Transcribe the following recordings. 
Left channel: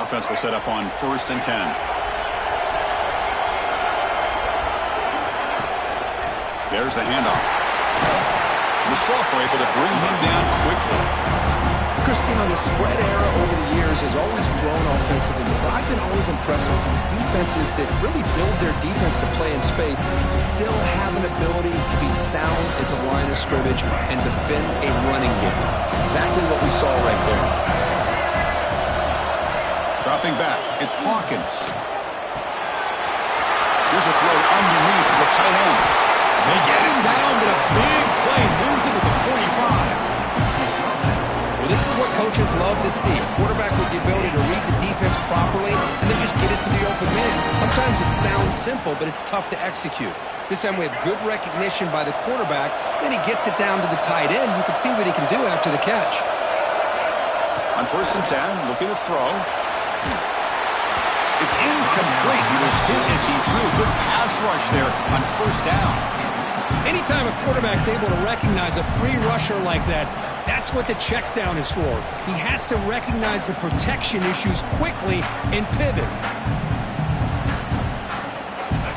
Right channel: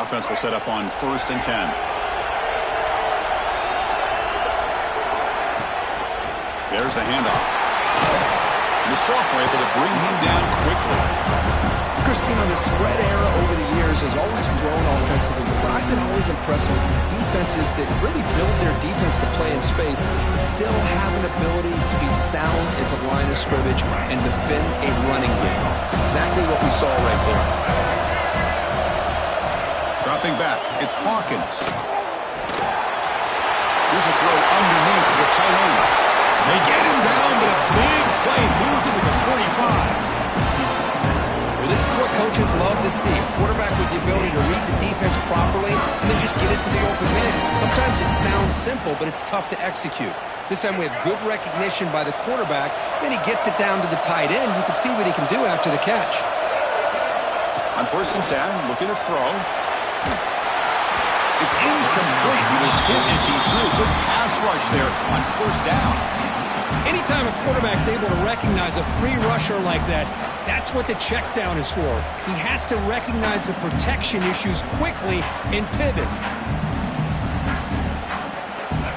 Offense will set up on 1st and 10. There's the handoff. The Sophomore able to bring him down quickly. Christine, the spread era over the years has always grown offensively, but I've been always impressed with defenses that really build their defense to play in space, still have an ability to be sound at the line of scrimmage and defend a running game. It's exactly what we saw right there. Dropping back, it's Hawkins. Here's a throw underneath the tight end. They get him down, but a big play moves into the 45. Well, this is what coaches love to see. A quarterback with the ability to read the defense properly and then just get it to the open man. Sometimes it sounds simple, but it's tough to execute. This time we have good recognition by the quarterback. Then he gets it down to the tight end. You can see what he can do after the catch. On 1st and 10, looking to throw. It's incomplete. He was hit as he threw. Good pass rush there on 1st down. Anytime a quarterback's able to recognize a free rusher like that, that's what the check down is for. He has to recognize the protection issues quickly and pivot.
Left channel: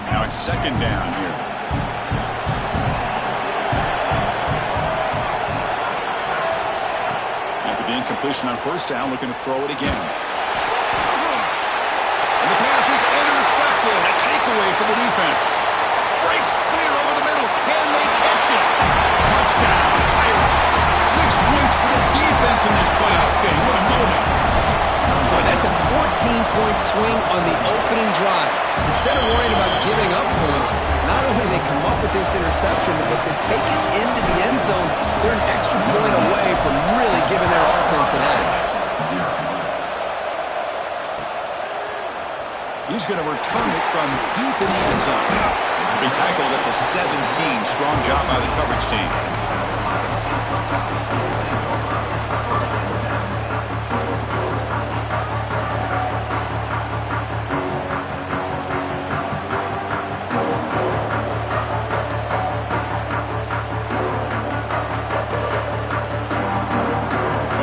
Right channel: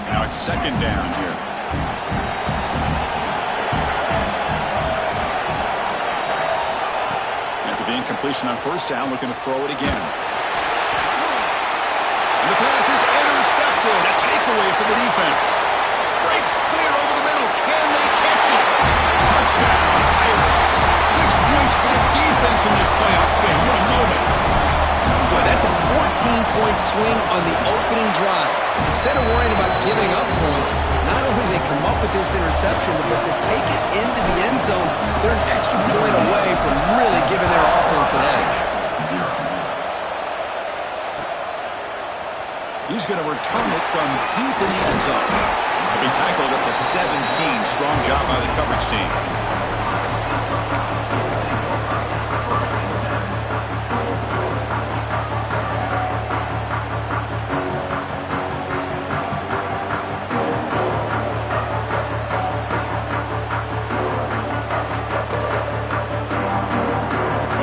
Now it's 2nd down here. After the incompletion on 1st down, looking to throw it again. And the pass is intercepted. A takeaway for the defense. Breaks clear over the middle. Can they catch it? Touchdown, Irish. 6 points for the defense in this playoff game. What a moment. Boy, that's a 14-point swing on the opening drive. Instead of worrying about giving up points, not only do they come up with this interception, but they take it into the end zone. They're an extra point away from really giving their offense an edge. He's going to return it from deep in the end zone. He'll be tackled at the 17. Strong job by the coverage team.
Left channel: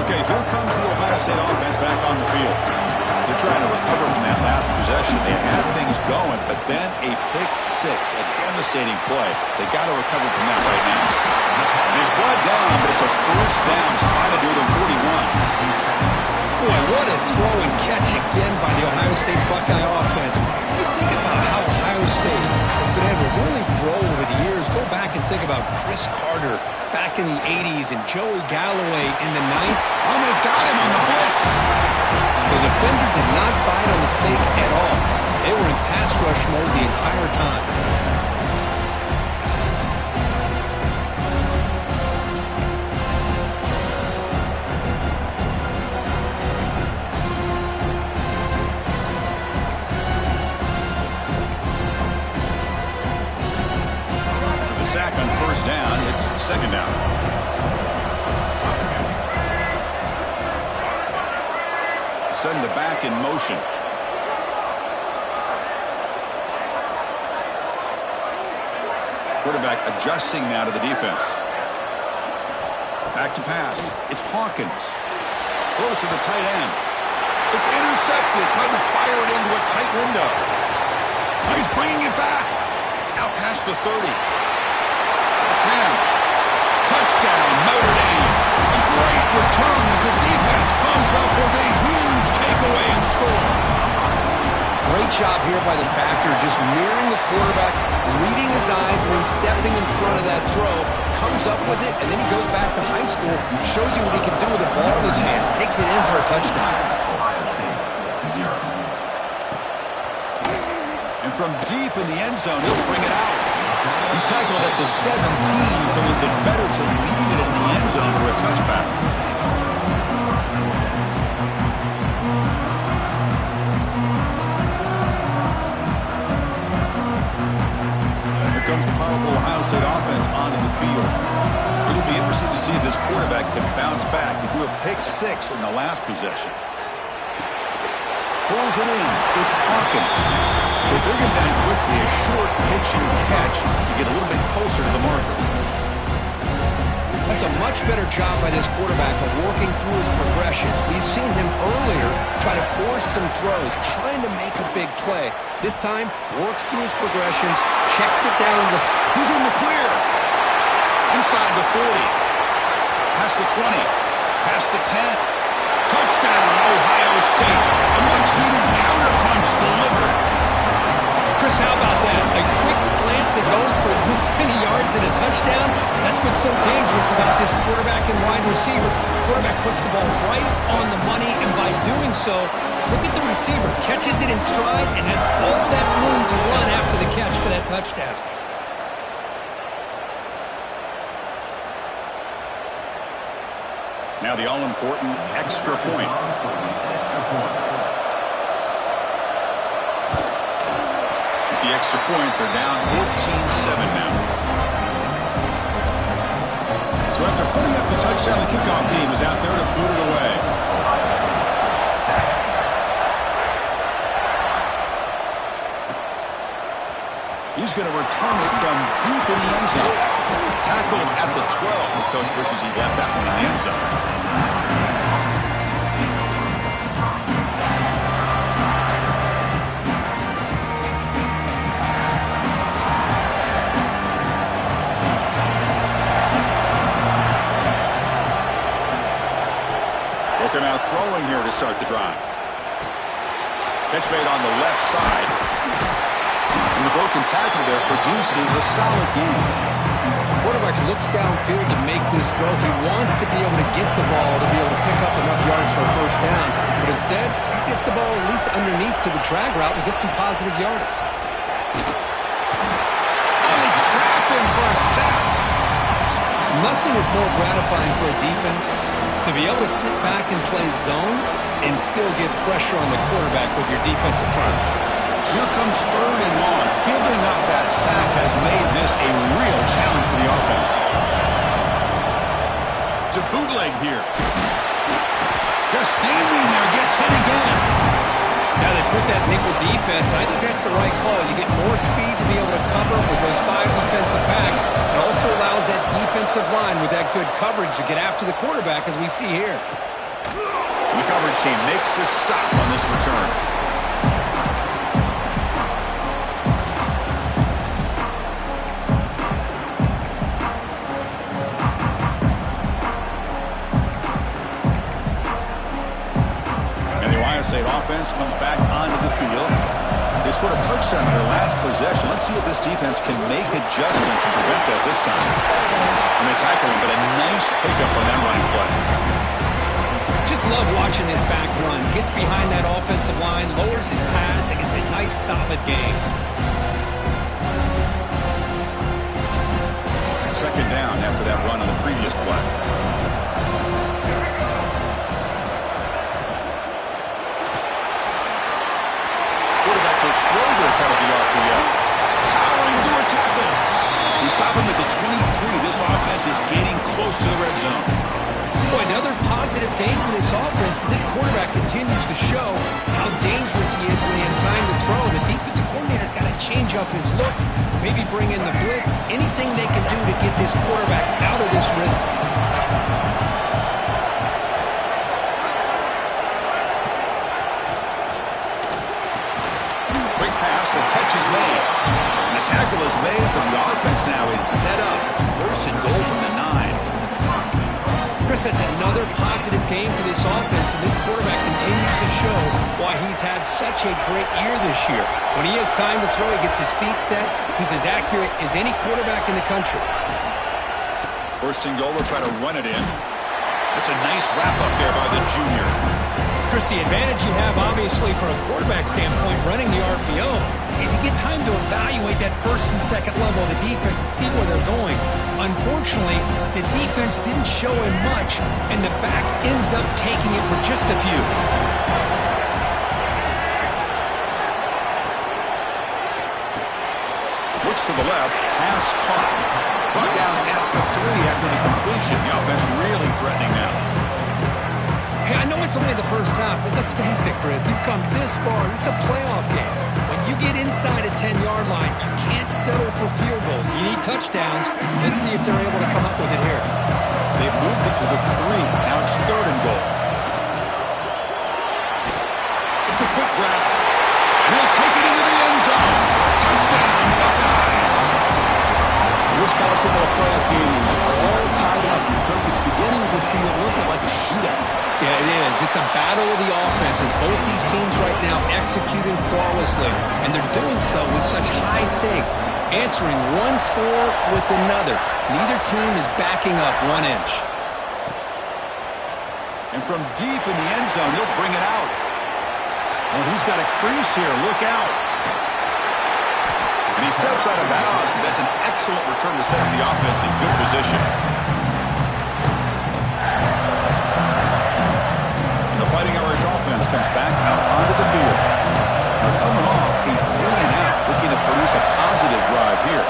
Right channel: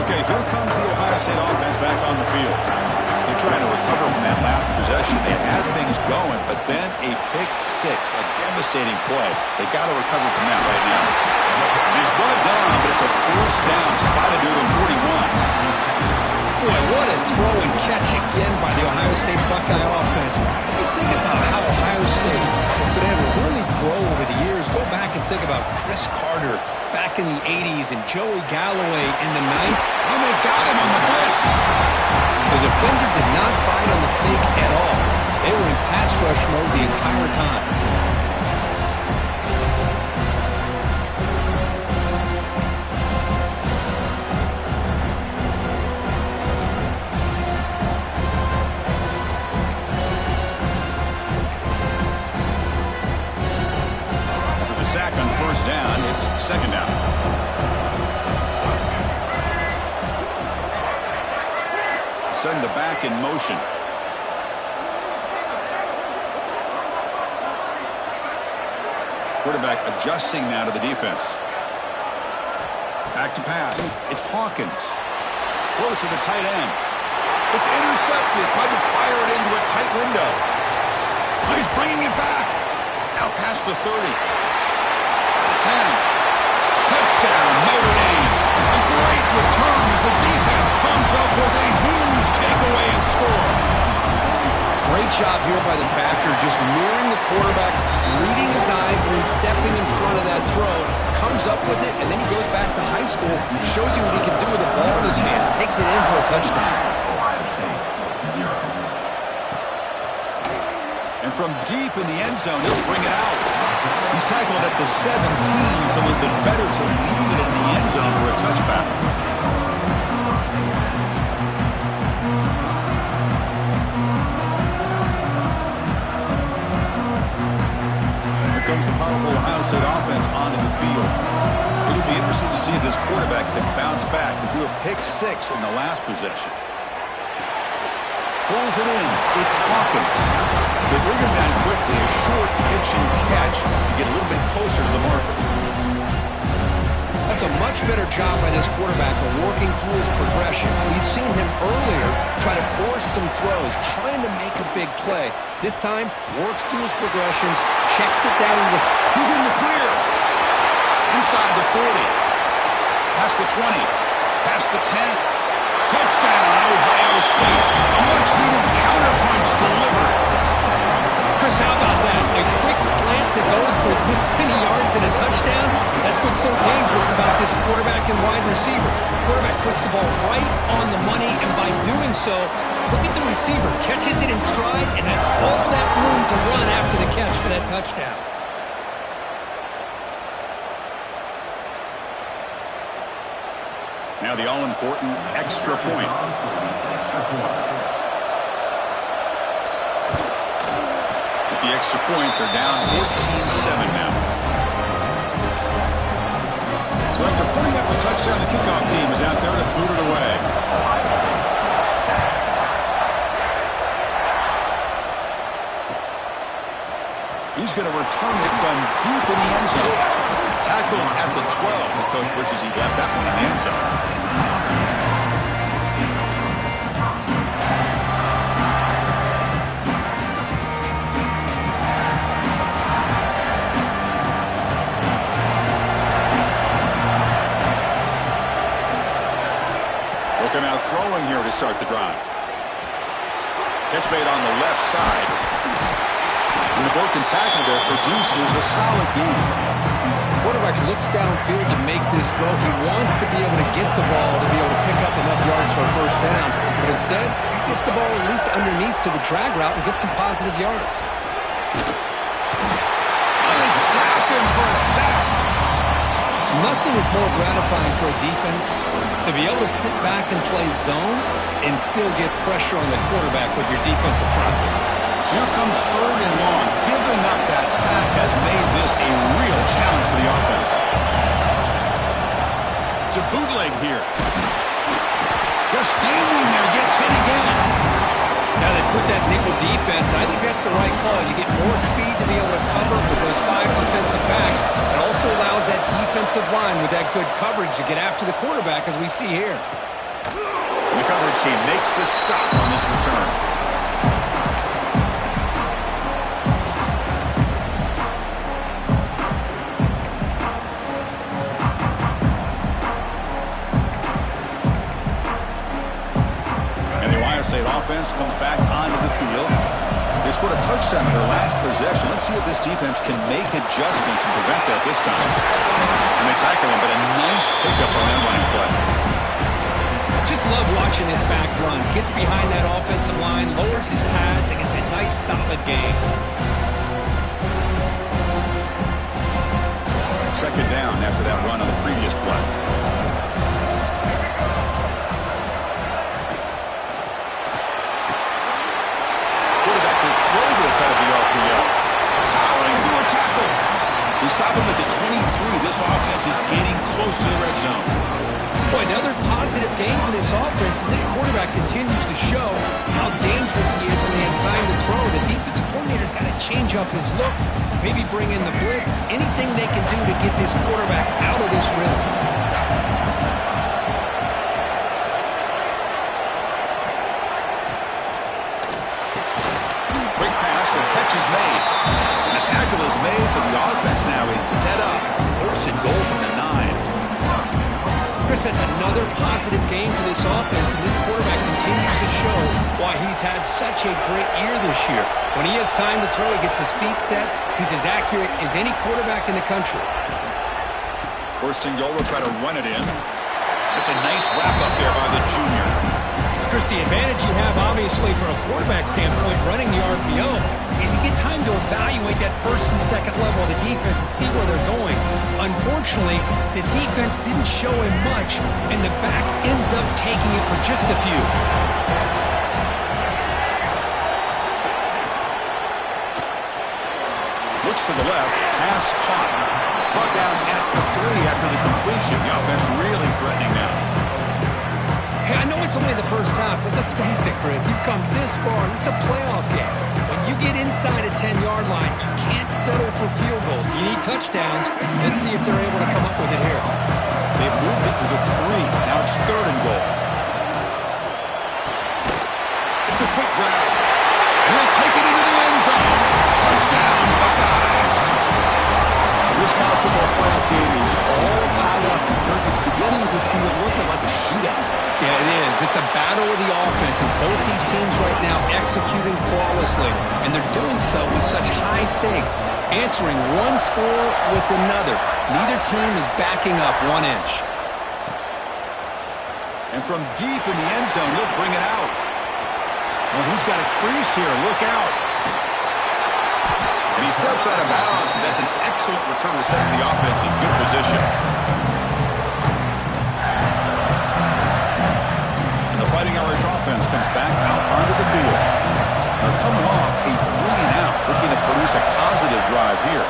Okay, here comes the Ohio State offense back on the field. They're trying to recover from that last possession. They had things going, but then a pick 6, a devastating play. They got to recover from that right now. He's brought down, but it's a 1st down, spotted near the 41. Boy, what a throw and catch again by the Ohio State Buckeye offense. You think about how Ohio State has been able to really grow over the years. Go back and think about Chris Carter back in the 80s and Joey Galloway in the 90s. Oh, they've got him on the blitz. The defender did not bite on the fake at all. They were in pass rush mode the entire time. After the sack on 1st down, it's 2nd down. Send the back in motion. Quarterback adjusting now to the defense. Back to pass. It's Hawkins. Close to the tight end. It's intercepted. Tried to fire it into a tight window. He's bringing it back. Out past the 30. The 10. Touchdown, Notre Dame. A great return as the defense comes up with a huge takeaway and score. Great job here by the backer, just mirroring the quarterback, reading his eyes, and then stepping in front of that throw. Comes up with it, and then he goes back to high school. Shows you what he can do with the ball in his hands. Takes it in for a touchdown. And from deep in the end zone, he'll bring it out. He's tackled at the 17, so it would have been better to leave it in the end zone for a touchback. Here comes the powerful Ohio State offense onto the field. It'll be interesting to see if this quarterback can bounce back. He threw a pick 6 in the last possession. Pulls it in. It's Hawkins. They bring him down quickly, a short pitch and catch to get a little bit closer to the marker. That's a much better job by this quarterback of working through his progressions. We've seen him earlier try to force some throws, trying to make a big play. This time, works through his progressions, checks it down to the... He's in the clear. Inside the 40. Past the 20. Past the 10. Touchdown, Ohio State. A much-needed counterpunch delivered. Chris, how about that? A quick slant that goes for this many yards and a touchdown? That's what's so dangerous about this quarterback and wide receiver. Quarterback puts the ball right on the money, and by doing so, look at the receiver. Catches it in stride and has all that room to run after the catch for that touchdown. Now the all-important extra point. With the extra point, they're down 14-7 now. So after putting up the touchdown, the kickoff team is out there to boot it away. He's going to return it from deep in the end zone. Tackled at the 12. The coach wishes he left that one in the end zone. Look him out throwing here to start the drive. Catch made on the left side. And the broken tackle there produces a solid gain. Quarterback looks downfield to make this throw. He wants to be able to get the ball to be able to pick up enough yards for a first down. But instead, he gets the ball at least underneath to the drag route and gets some positive yards. Oh, they trap him for a sack. Nothing is more gratifying for a defense to be able to sit back and play zone and still get pressure on the quarterback with your defensive front. So here comes 3rd and long. Giving up that sack has made this a real challenge for the offense. To bootleg here. Just standing there, gets hit again. Now they put that nickel defense, and I think that's the right call. You get more speed to be able to cover with those 5 defensive backs. It also allows that defensive line with that good coverage to get after the quarterback, as we see here. And the coverage team makes the stop on this return. State offense comes back onto the field. They scored a touchdown in their last possession. Let's see if this defense can make adjustments and prevent that this time. And they tackle him, but a nice pickup on that running play. Just love watching this back run. Gets behind that offensive line, lowers his pads, and gets a nice solid gain. 2nd down after that run on the previous play. Quarterback will throw this out of the RPO. Powering through a tackle. He stopped him at the 23. This offense is getting close to the red zone. Boy, another positive game for this offense, and this quarterback continues to show how dangerous he is when he has time to throw. The defensive coordinator's got to change up his looks, maybe bring in the blitz, anything they can do to get this quarterback out of this rhythm. The catch is made. And the tackle is made, but the offense now is set up. 1st and goal from the 9. Chris, that's another positive game for this offense, and this quarterback continues to show why he's had such a great year this year. When he has time to throw, he gets his feet set. He's as accurate as any quarterback in the country. 1st and goal, they'll try to run it in. That's a nice wrap up there by the junior. Chris, the advantage you have, obviously, from a quarterback standpoint, running the RPO, is you get time to evaluate that 1st and 2nd level of the defense and see where they're going. Unfortunately, the defense didn't show him much, and the back ends up taking it for just a few. Looks to the left, pass caught. Brought down at the 3 after the completion. The offense really threatening now. Hey, I know it's only the first half, but let's face it, Chris. You've come this far. This is a playoff game. When you get inside a 10-yard line, you can't settle for field goals. You need touchdowns. Let's see if they're able to come up with it here. They've moved it to the 3. Now it's 3rd and goal. It's a quick grab. And he'll take it into the end zone. Touchdown, Buckeyes. This college football playoff game is all tied up. And Kirk, it's beginning to feel a little bit like a shootout. Yeah, it is. It's a battle of the offenses. Both these teams right now executing flawlessly, and they're doing so with such high stakes, answering one score with another. Neither team is backing up 1 inch. And from deep in the end zone, he'll bring it out. Well, he's got a crease here. Look out. And he steps out of bounds, but that's an excellent return to set up the offense in good position. Fighting Irish offense comes back out onto the field. They're coming off a 3-and-out, looking to produce a positive drive here.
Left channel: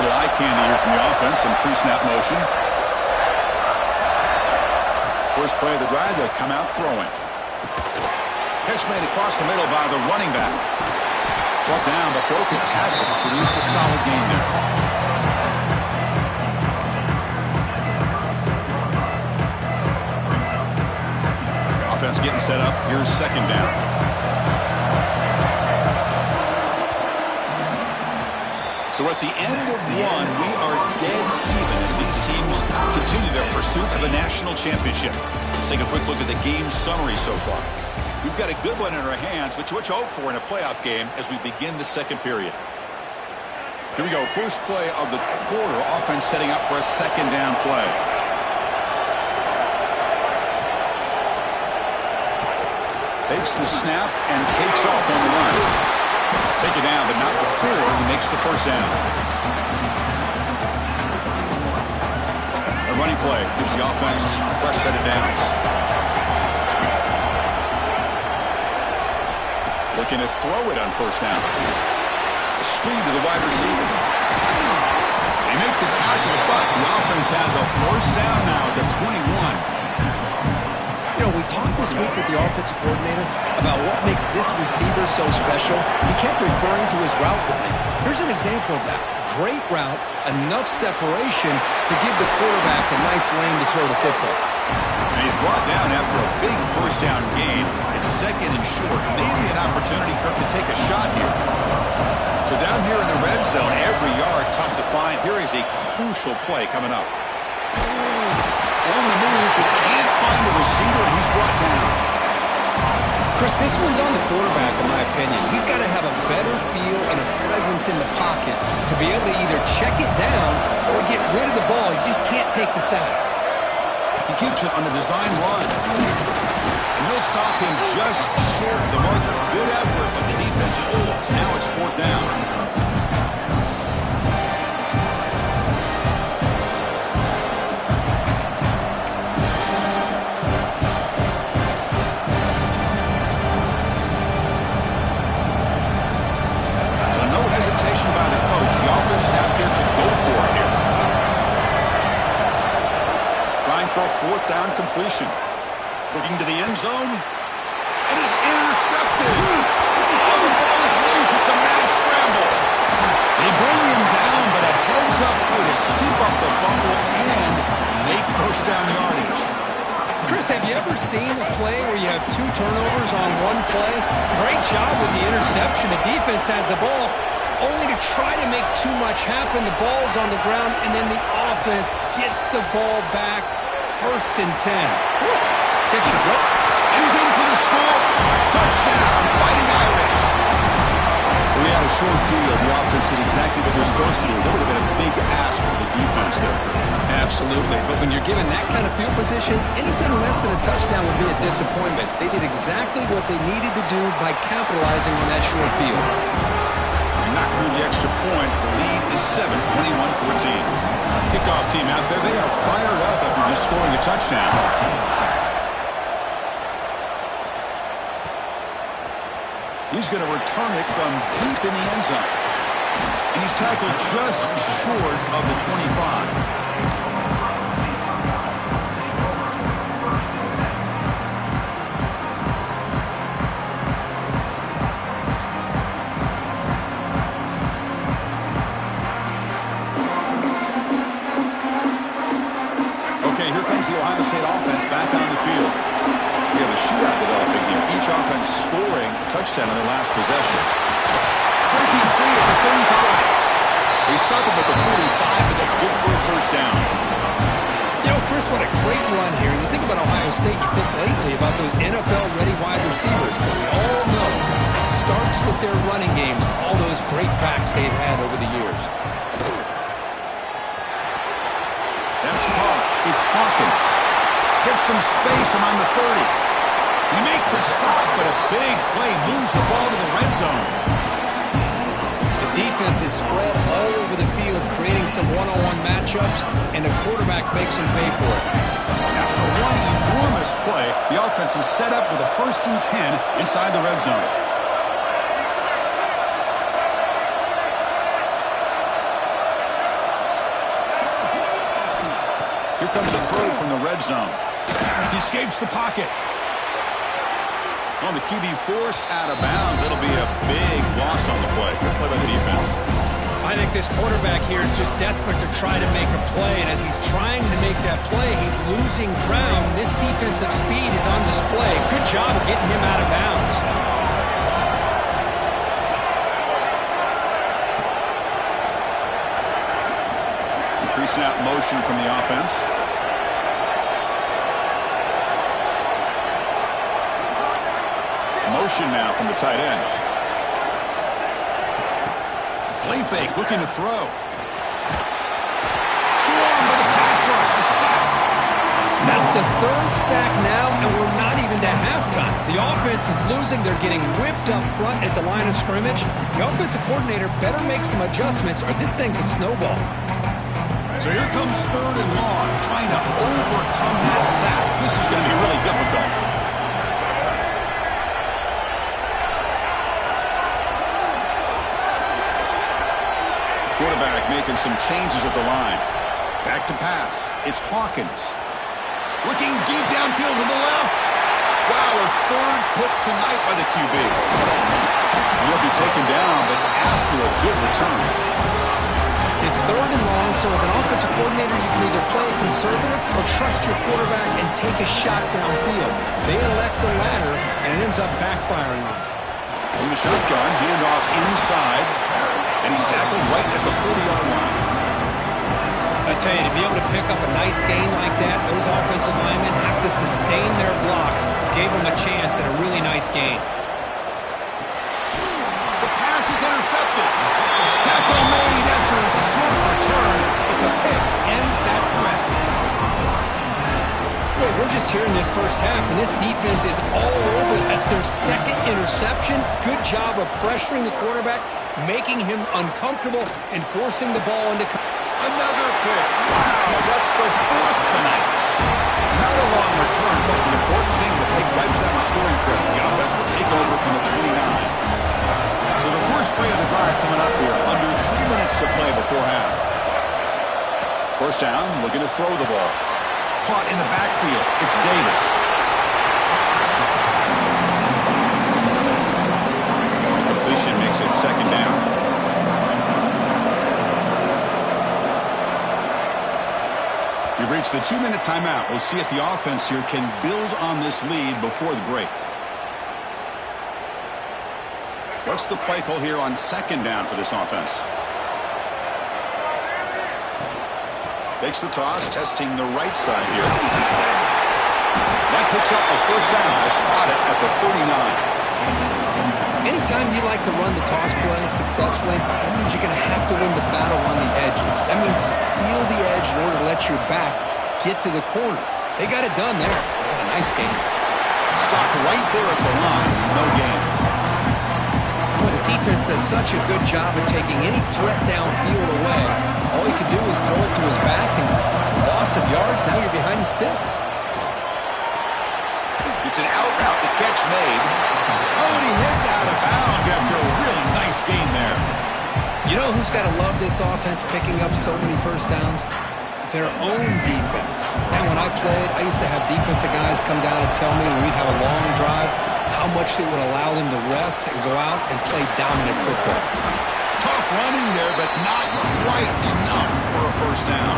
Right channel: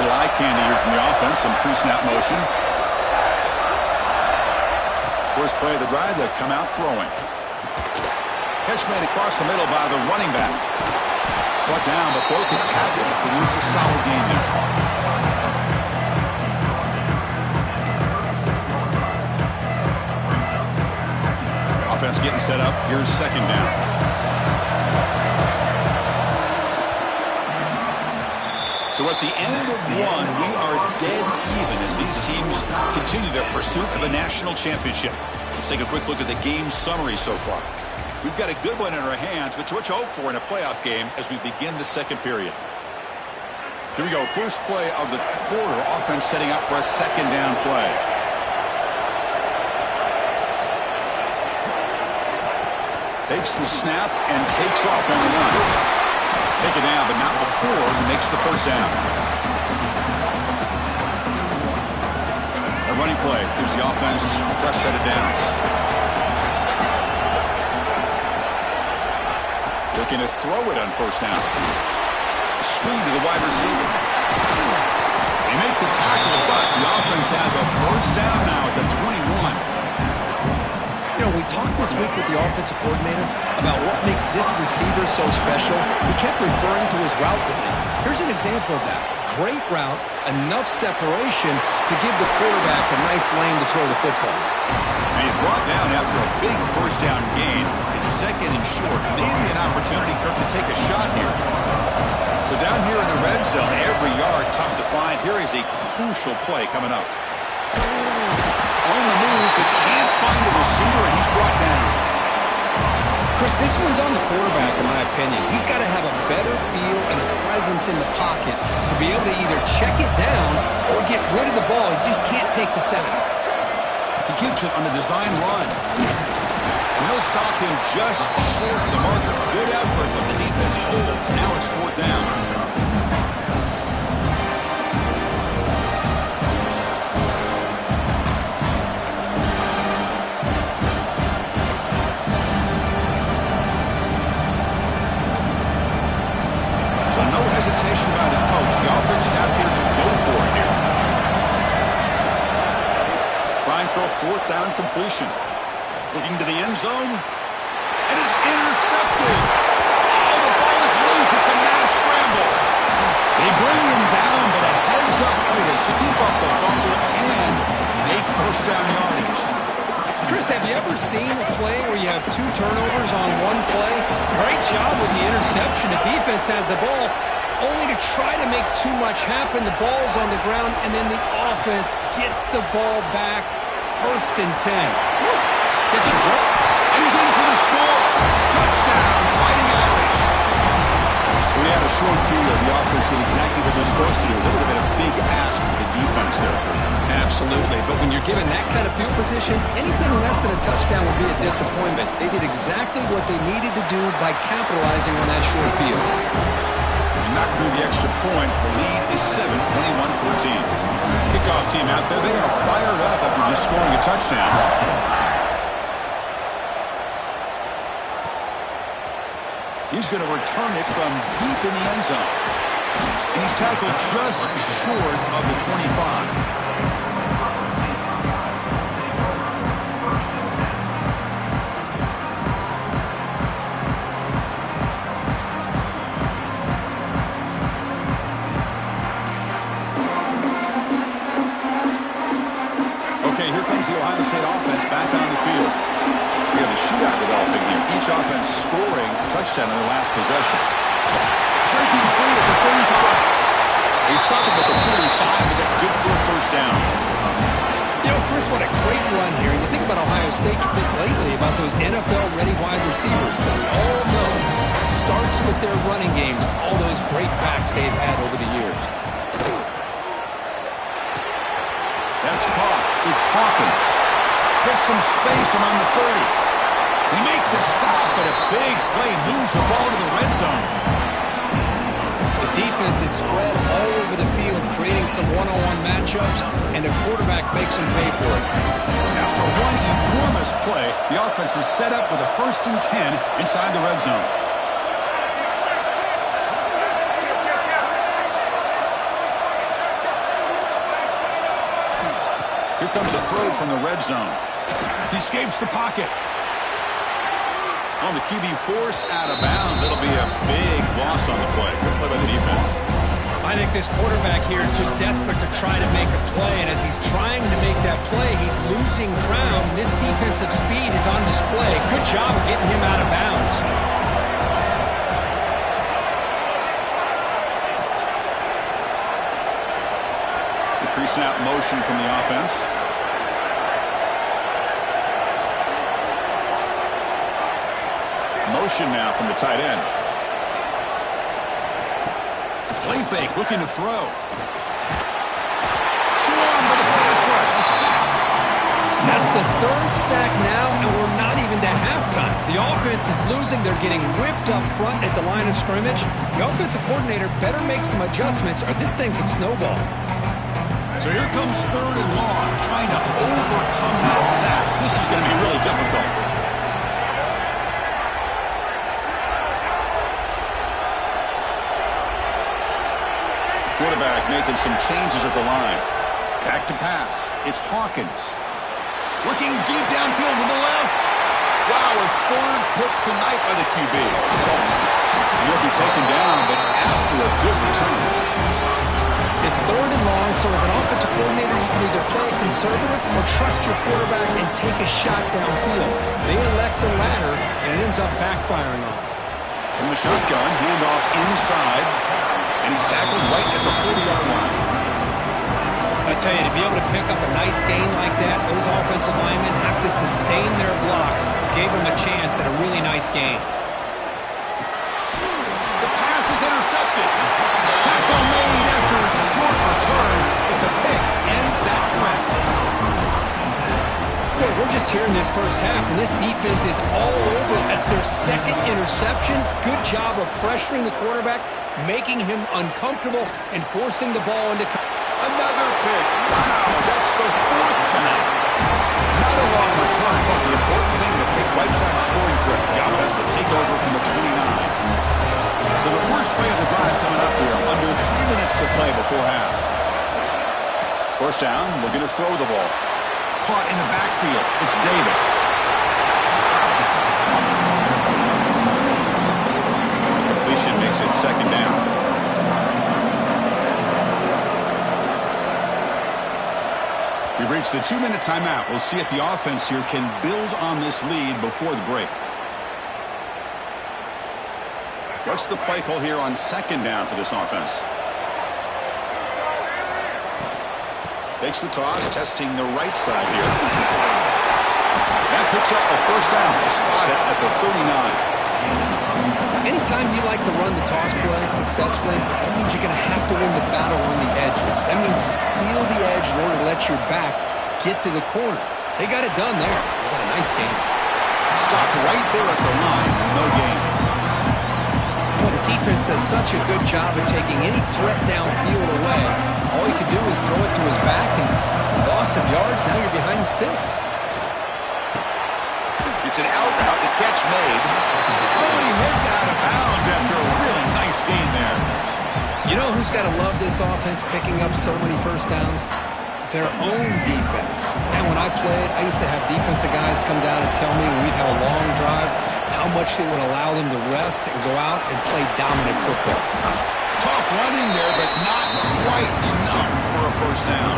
Little eye candy here from the offense, some pre-snap motion. First play of the drive, they'll come out throwing. Catch made across the middle by the running back. Brought down, but broken tackle to produce a solid gain there. Offense getting set up. Here's 2nd down. So at the end of 1, we are dead even as these teams continue their pursuit of a national championship. Let's take a quick look at the game summary so far. We've got a good one in our hands, which you hope for in a playoff game as we begin the 2nd period. Here we go. First play of the quarter. Offense setting up for a 2nd down play. Takes the snap and takes off on the run. Take it down, but not before he makes the 1st down. A running play gives the offense a fresh set of downs. Looking to throw it on 1st down. A screen to the wide receiver. They make the tackle, but the offense has a 1st down now at the 21. You know, we talked this week with the offensive coordinator about what makes this receiver so special. He kept referring to his route running. Here's an example of that. Great route, enough separation to give the quarterback a nice lane to throw the football. And he's brought down after a big 1st down gain. It's 2nd and short. Maybe an opportunity, Kirk, to take a shot here. So down here in the red zone, every yard tough to find. Here is a crucial play coming up. On the move, but can't find a receiver, and he's brought down. Chris, this one's on the quarterback, in my opinion. He's got to have a better feel and a presence in the pocket to be able to either check it down or get rid of the ball. He just can't take the sack. He keeps it on a design run. And they'll stop him just short of the marker. Good effort, but the defense holds. Now it's 4th down. No hesitation by the coach. The offense is out there to go for it here. Trying for a 4th down completion. Looking to the end zone. And is intercepted. Oh, the ball is loose. It's a mass scramble. They bring him down, but a heads-up play to scoop up the fumble and make 1st down yardage. Chris, have you ever seen a play where you have 2 turnovers on 1 play? Great job with the interception. The defense has the ball, only to try to make too much happen. The ball's on the ground, and then the offense gets the ball back. 1st and 10. Gets you what? And he's in for the score. Touchdown, Fighting Irish. We had a short field. The offense did exactly what they're supposed to do. That would have been a big ask for the defense there. Absolutely. But when you're given that kind of field position, anything less than a touchdown would be a disappointment. They did exactly what they needed to do by capitalizing on that short field. And knocked through the extra point. The lead is 7, 21-14. Kickoff team out there. They are fired up after just scoring a touchdown. He's going to return it from deep in the end zone. And he's tackled just short of the 25. Okay, here comes the Ohio State offense back on the field. We have a shootout developing here. Each offense scoring a touchdown in their last possession. Breaking free at the 35. He stopped him at the 45, but that's good for a first down. You know, Chris, what a great run here. And you think about Ohio State, you think lately about those NFL-ready wide receivers. But we all know it starts with their running games, all those great backs they've had over the years. That's caught. It's Hawkins. Gets some space around the 30. He make the stop, but a big play moves the ball to the red zone. The defense is spread all over the field, creating some one-on-one matchups, and the quarterback makes them pay for it. After one enormous play, the offense is set up with a 1st and 10 inside the red zone. Here comes a throw from the red zone. He escapes the pocket. Well, the QB forced out of bounds. It'll be a big loss on the play. Good play by the defense. I think this quarterback here is just desperate to try to make a play, and as he's trying to make that play, he's losing ground. This defensive speed is on display. Good job of getting him out of bounds. Increasing out motion from the offense. Motion now from the tight end. Play fake, looking to throw. Swarmed by the pass rush. A sack. That's the 3rd sack now, and we're not even to halftime. The offense is losing. They're getting whipped up front at the line of scrimmage. The offensive coordinator better make some adjustments, or this thing could snowball. So here comes 3rd and long, trying to overcome that sack. This is going to be really difficult. Quarterback making some changes at the line. Back to pass. It's Hawkins. Looking deep downfield to the left. Wow, a 3rd pick tonight by the QB. He'll be taken down, but after a good return. It's 3rd and long, so as an offensive coordinator, you can either play it conservative or trust your quarterback and take a shot downfield. They elect the latter, and it ends up backfiring on them. From the shotgun, handoff inside, and he's tackled right at the 40-yard line. I tell you, to be able to pick up a nice gain like that, those offensive linemen have to sustain their blocks. Gave them a chance at a really nice gain. The pass is intercepted. Tackle made after a short return, but the pick ends that threat. Well, we're just here in this first half, and this defense is all over it. That's their 2nd interception. Good job of pressuring the quarterback, making him uncomfortable, and forcing the ball into... Another pick. Wow, that's the 4th tonight. Not a long return, but the important thing, the pick wipes out a scoring threat. The offense will take over from the 29. So the first play of the drive coming up here. Under 3 minutes to play before half. First down, looking to throw the ball. Caught in the backfield. It's Davis. Completion makes it 2nd down. We've reached the 2-minute timeout. We'll see if the offense here can build on this lead before the break. What's the play call here on 2nd down for this offense? Takes the toss, testing the right side here. That picks up a first down. They'll spot it at the 39. Anytime you like to run the toss play successfully, that means you're going to have to win the battle on the edges. That means you seal the edge in order to let your back get to the corner. They got it done there. They got a nice game. Stopped right there at the line. No gain. Boy, the defense does such a good job of taking any threat downfield away. All he could do is throw it to his back, and loss of yards, now you're behind the sticks. It's an out route, the catch made. Oh, and he heads out of bounds after a really nice gain there. You know who's got to love this offense picking up so many first downs? Their own defense. And when I played, I used to have defensive guys come down and tell me when we'd have a long drive how much it would allow them to rest and go out and play dominant football. Tough running there, but not quite enough for a first down.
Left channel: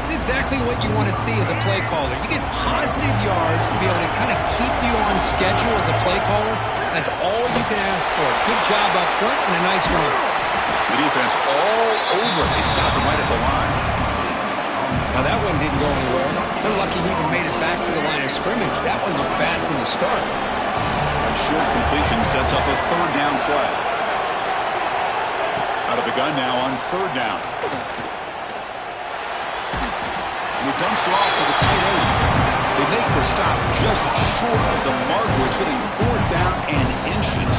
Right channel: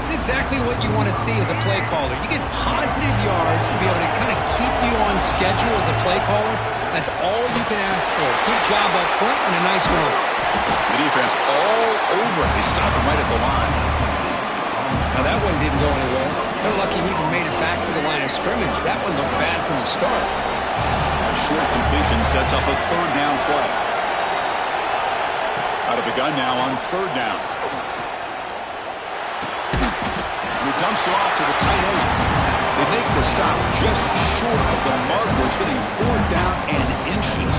This is exactly what you want to see as a play caller. You get positive yards to be able to kind of keep you on schedule as a play caller. That's all you can ask for. Good job up front and a nice run. The defense all over. They stop him right at the line. Now that one didn't go anywhere. They're lucky he even made it back to the line of scrimmage. That one looked bad from the start. That short completion sets up a third down play. Out of the gun now on third down. He dumps it off to the tight end. They make the stop just short of the mark where it's getting fourth down and inches.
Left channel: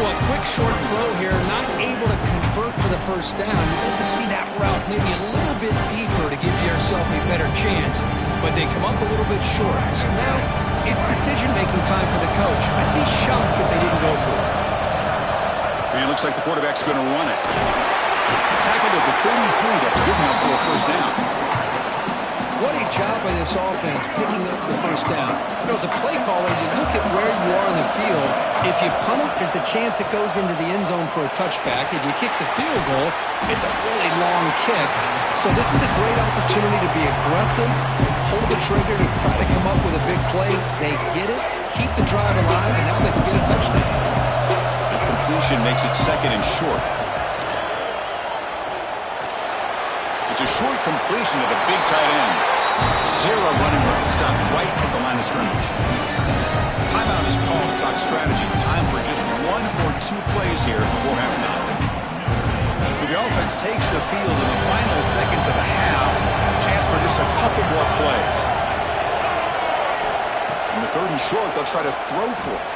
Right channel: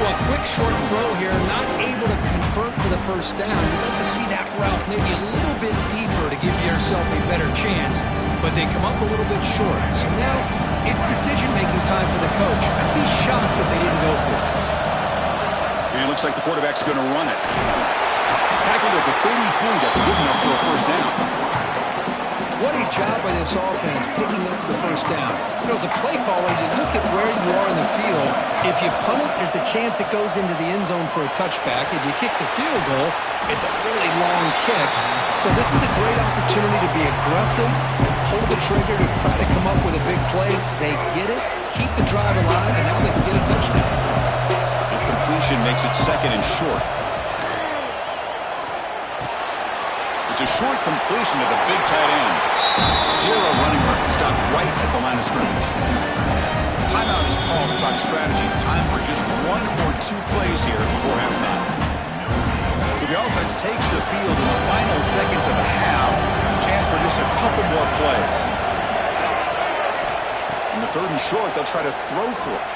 Well, a quick short throw here, not able to convert for the first down. You'd like to see that route maybe a little bit deeper to give yourself a better chance, but they come up a little bit short. So now it's decision-making time for the coach. I'd be shocked if they didn't go for it. And it looks like the quarterback's going to run it. Tackled at the 33. That's good enough for a first down. What a job by this offense picking up the first down. You know, as a play caller, you look at where you are in the field. If you punt it, there's a chance it goes into the end zone for a touchback. If you kick the field goal, it's a really long kick. So this is a great opportunity to be aggressive, pull the trigger to try to come up with a big play. They get it, keep the drive alive, and now they can get a touchdown. The completion makes it second and short. It's a short completion to the big tight end. Zero running room. Stopped right at the line of scrimmage. Timeout is called to talk strategy. Time for just one or two plays here before halftime. So the offense takes the field in the final seconds of the half. Chance for just a couple more plays. In the third and short, they'll try to throw for it.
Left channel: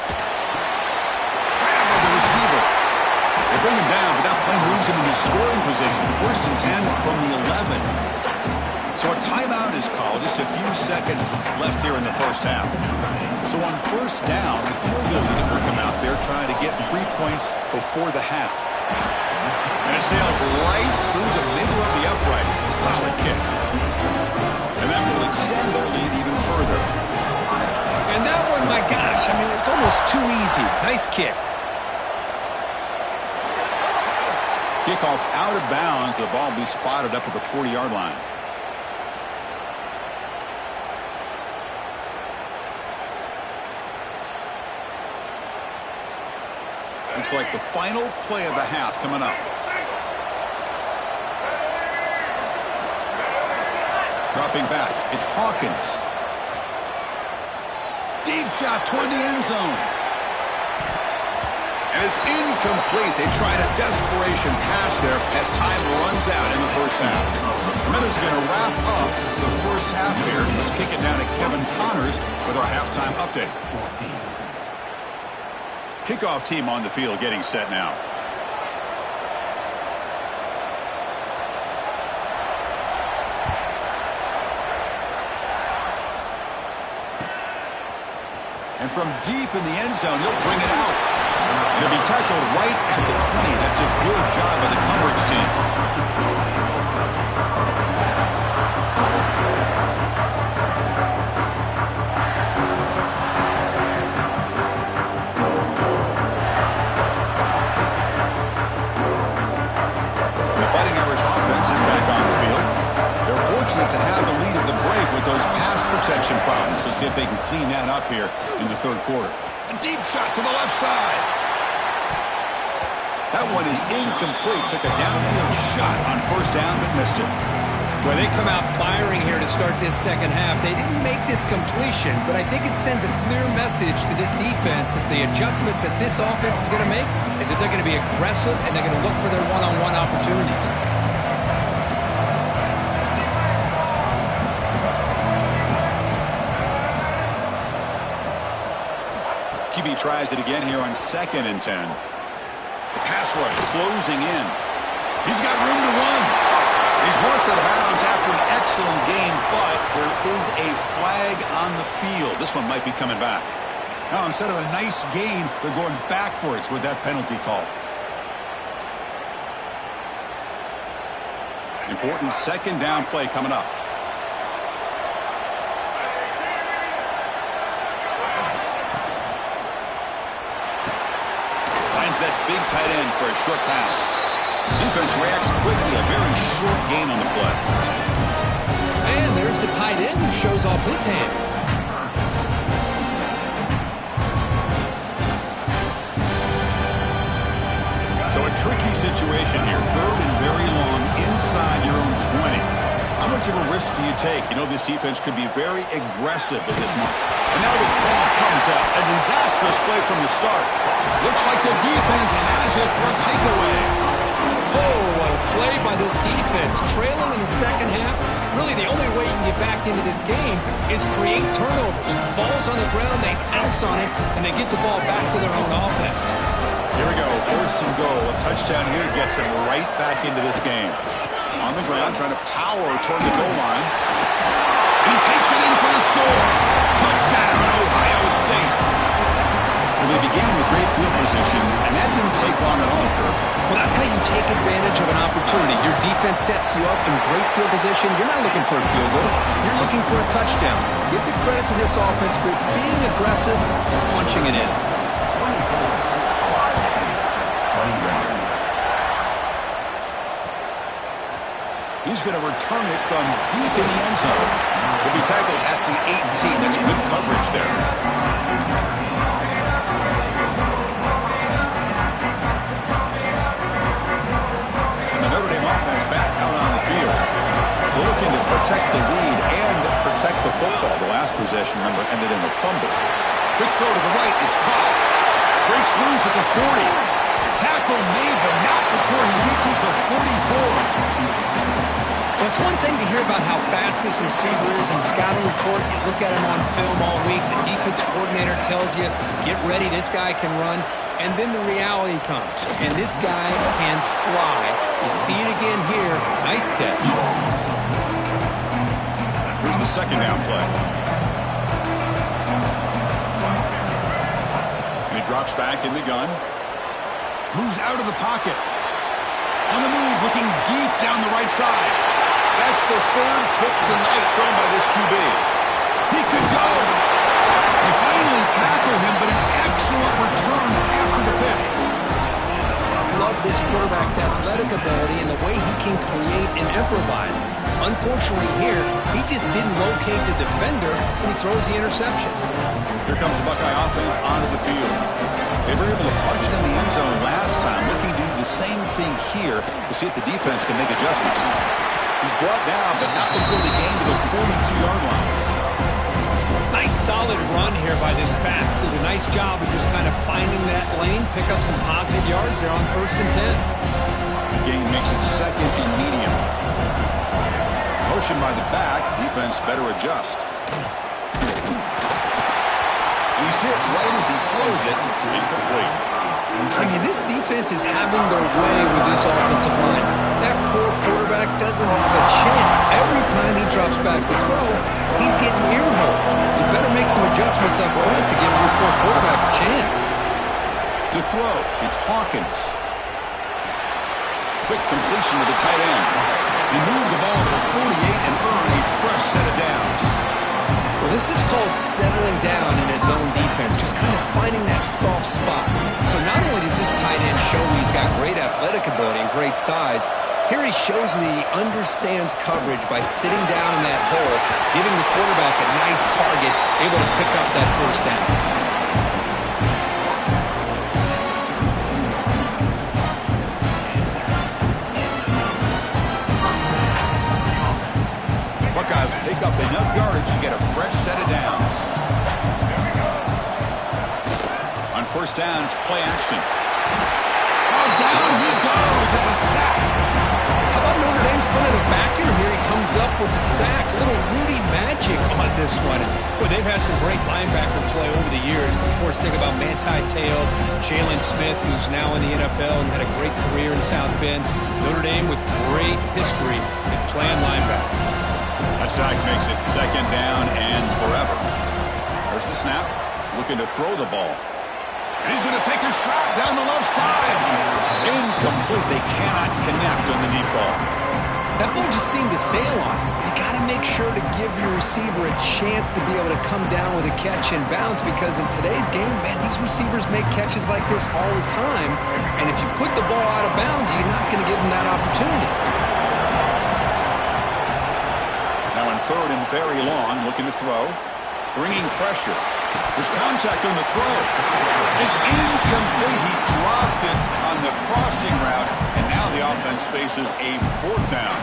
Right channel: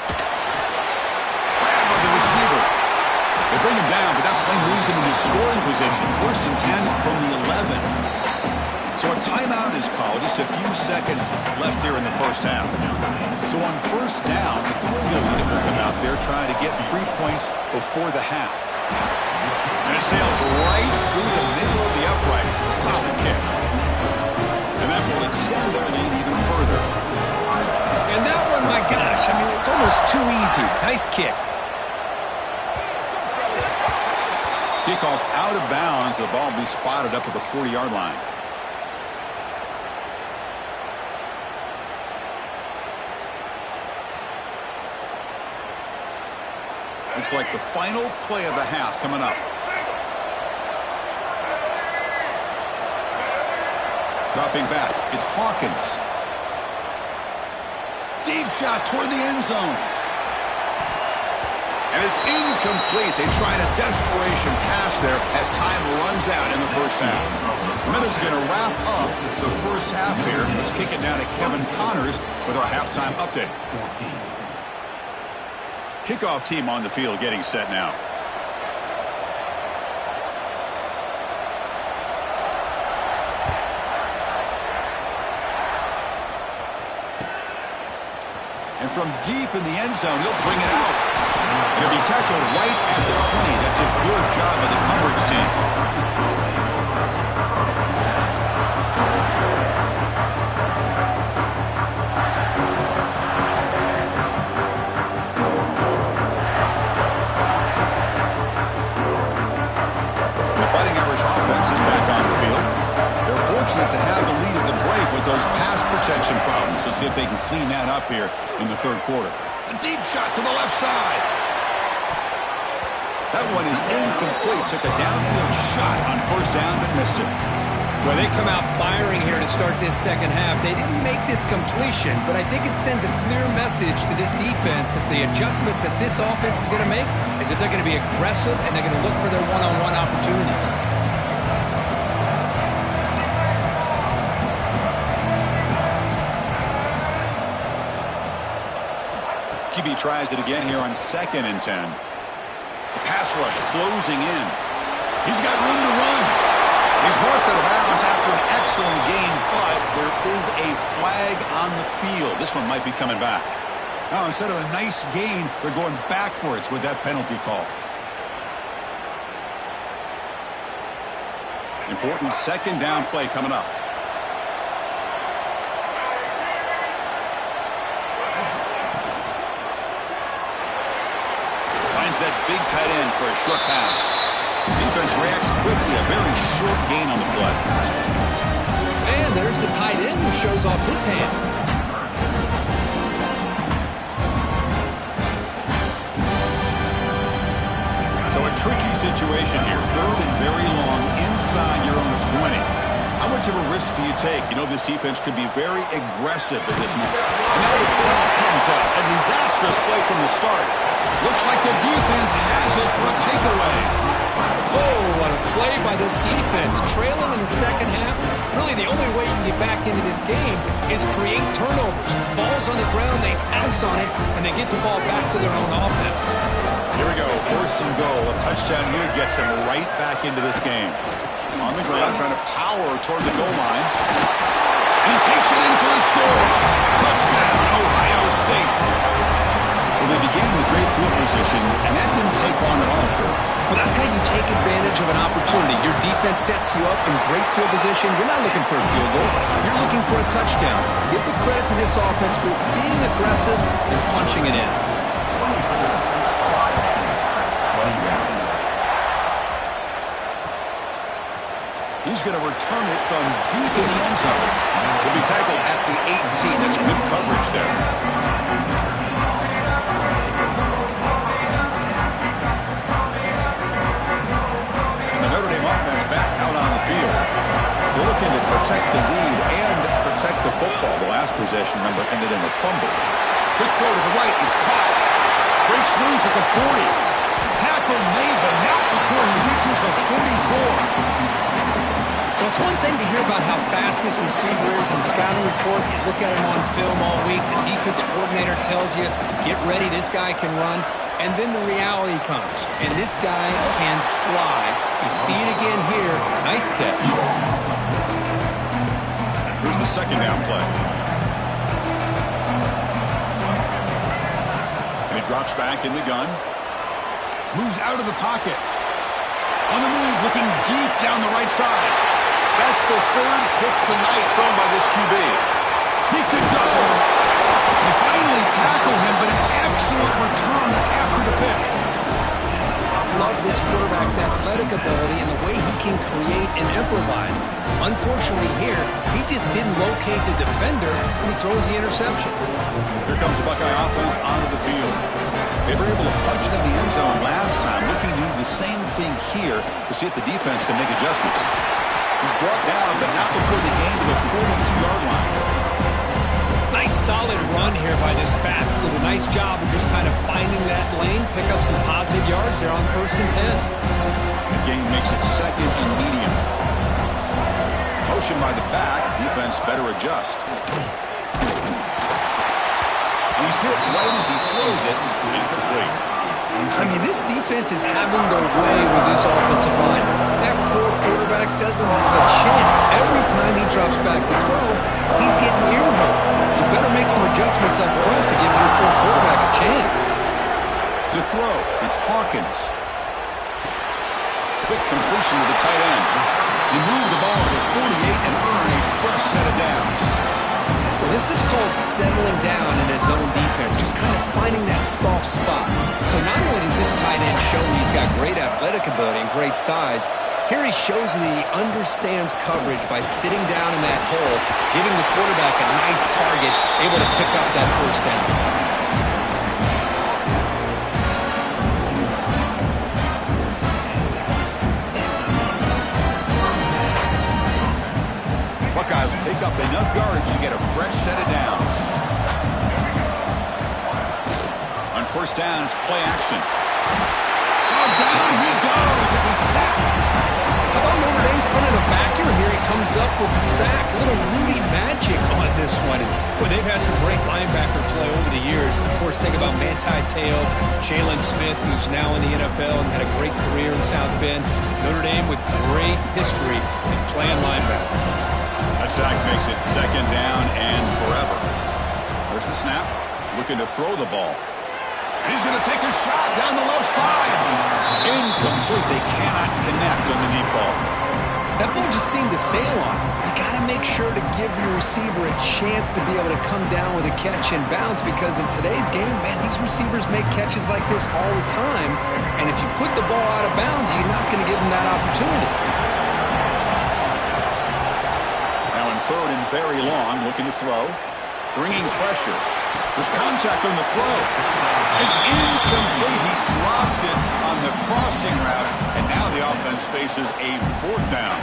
Grab by the receiver. They bring him down, but that play moves him into scoring position. First and 10 from the 11. So a timeout is called. Just a few seconds left here in the first half. So on first down, the field goal unit will come out there trying to get 3 points before the half. And it sails right through the middle of the uprights. A solid kick. And that will extend their lead even further. And that one, my gosh, I mean, it's almost too easy. Nice kick. Kickoff out of bounds. The ball will be spotted up at the 40-yard line. Looks like the final play of the half coming up. Dropping back. It's Hawkins. Deep shot toward the end zone. And it's incomplete. They tried a desperation pass there as time runs out in the first half. Minutes going to wrap up the first half here. Let's kick it down to Kevin Connors with our halftime update. Kickoff team on the field getting set now. And from deep in the end zone, he'll bring it out. And he'll be tackled right at the 20. That's a good job by the coverage team. The Fighting Irish offense is back on the field. They're fortunate to have the lead at the break with those pass protection problems. Let's see if they can clean that up here in the third quarter. A deep shot to the left side. That one is incomplete. Took a downfield shot on first down, but missed it. Well, they come out firing here to start this second half. They didn't make this completion, but I think it sends a clear message to this defense that the adjustments that this offense is going to make is that they're going to be aggressive and they're going to look for their one-on-one opportunities. QB tries it again here on 2nd and 10. The pass rush closing in. He's got room to run. He's marked out of bounds after an excellent game, but there is a flag on the field. This one might be coming back. Now, instead of a nice gain, they're going backwards with that penalty call. Important second down play coming up. Finds that big tight end for a short pass. Defense reacts quickly. A very short gain on the play. And there's the tight end who shows off his hands. So a tricky situation here. 3rd and very long inside your own 20. How much of a risk do you take? You know, this defense could be very aggressive at this moment. And now the ball comes out. A disastrous play from the start. Looks like the defense has it for a takeaway. Oh, what a play by this defense. Trailing in the second half. Really, the only way you can get back into this game is create turnovers. Ball's on the ground, they pounce on it, and they get the ball back to their own offense. Here we go. 1st and goal. A touchdown here gets them right back into this game. On the ground, trying to power toward the goal line. And he takes it in for the score. Touchdown, Ohio State. Well, they began with great field position, and that didn't take long at all, Kirk. Well, that's how you take advantage of an opportunity. Your defense sets you up in great field position. You're not looking for a field goal. You're looking for a touchdown. Give the credit to this offense for being aggressive and punching it in. He's going to return it from deep in the end zone. He'll be tackled at the 18. That's good coverage there. And the Notre Dame offense back out on the field. They're looking to protect the lead and protect the football. The last possession, remember, ended in a fumble. Quick throw to the right. It's caught. Breaks loose at the 40. Tackle made, but not before he reaches the 44. Well, it's one thing to hear about how fast this receiver is in the scouting report. You look at him on film all week. The defense coordinator tells you, get ready, this guy can run. And then the reality comes. And this guy can fly. You see it again here. Nice catch. Here's the 2nd down play. And he drops back in the gun. Moves out of the pocket. On the move, looking deep down the right side. That's the 3rd pick tonight thrown by this QB. He could go. They finally tackle him, but an excellent return after the pick. I love this quarterback's athletic ability and the way he can create and improvise. Unfortunately here, he just didn't locate the defender when he throws the interception. Here comes the Buckeye offense onto the field. They were able to punch it in the end zone last time, looking to do the same thing here to see if the defense can make adjustments. He's brought down, but not before the gain to the 42-yard line. Nice solid run here by this back. Did a nice job of just kind of finding that lane, pick up some positive yards there on 1st and 10. The gain makes it 2nd and medium. Motion by the back. Defense better adjust. He's hit right as he throws it. Incomplete. I mean, this defense is having their way with this offensive line. That poor quarterback doesn't have a chance. Every time he drops back to throw, he's getting earholed. You better make some adjustments up front to give your poor quarterback a chance. To throw, it's Hawkins. Quick completion to the tight end. He moved the ball to the 48 and earned a fresh set of downs. Well, this is called settling down in his own defense, just kind of finding that soft spot. So not only does this tight end show he's got great athletic ability and great size, here he shows that he understands coverage by sitting down in that hole, giving the quarterback a nice target, able to pick up that 1st down. Buckeyes pick up enough yardage to get a fresh set of downs. On 1st down, it's play action. Oh, down he goes. It's a sack. How about Notre Dame sending a backer here? He comes up with the sack. A little Rudy magic on this one. And, boy, they've had some great linebacker play over the years. Of course, think about Manti Te'o, Jalen Smith, who's now in the NFL and had a great career in South Bend. Notre Dame with great history in playing linebacker. That sack makes it 2nd down and forever. There's the snap. Looking to throw the ball. And he's going to take a shot down the left side. Incomplete. They cannot connect on the deep ball. That ball just seemed to sail on him. You got to make sure to give your receiver a chance to be able to come down with a catch and bounce, because in today's game, man, these receivers make catches like this all the time. And if you put the ball out of bounds, you're not going to give them that opportunity. Now in third and very long, looking to throw. Bringing pressure. There's contact on the throw. It's incomplete. He dropped it on the crossing route, and now the offense faces a fourth down.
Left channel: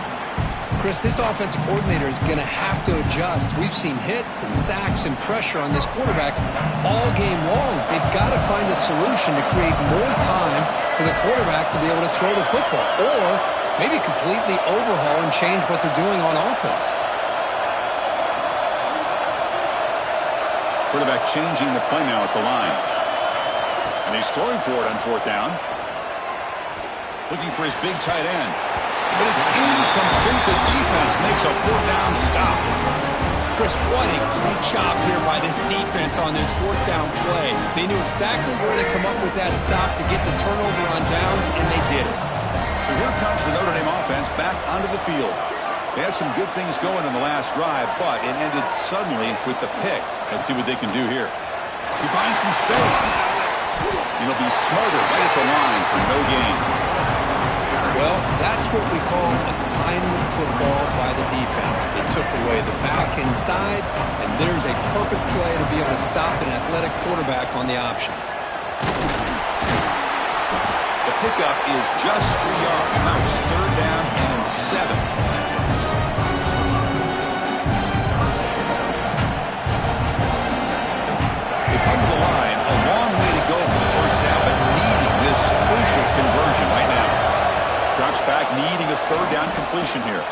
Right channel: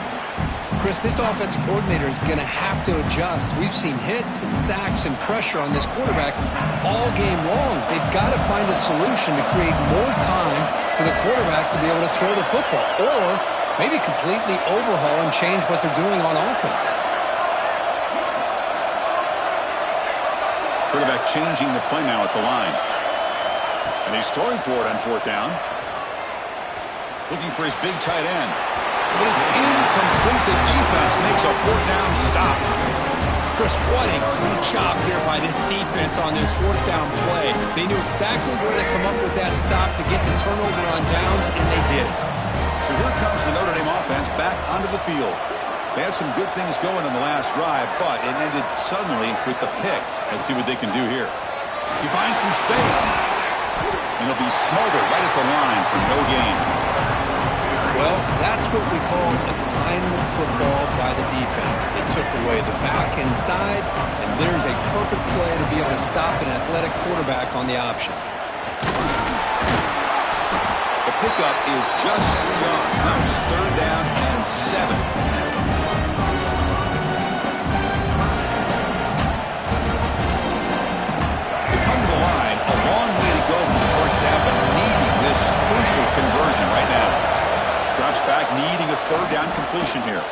Chris, this offensive coordinator is going to have to adjust. We've seen hits and sacks and pressure on this quarterback all game long. They've got to find a solution to create more time for the quarterback to be able to throw the football, or maybe completely overhaul and change what they're doing on offense. Quarterback changing the play now at the line. And he's throwing for it on fourth down. Looking for his big tight end. But it's incomplete. The defense makes a fourth down stop. Chris, what a great job here by this defense on this fourth down play. They knew exactly where to come up with that stop to get the turnover on downs, and they did it. So here comes the Notre Dame offense back onto the field. They had some good things going in the last drive, but it ended suddenly with the pick. Let's see what they can do here. He finds some space. And he'll be smothered right at the line for no gain. Well, that's what we call assignment football by the defense. They took away the back inside, and there's a perfect play to be able to stop an athletic quarterback on the option. The pickup is just 3 yards. Now it's third down and 7. Come to the line, a long way to go for the first down, but needing this crucial conversion right now. Drops back, needing a third down completion here.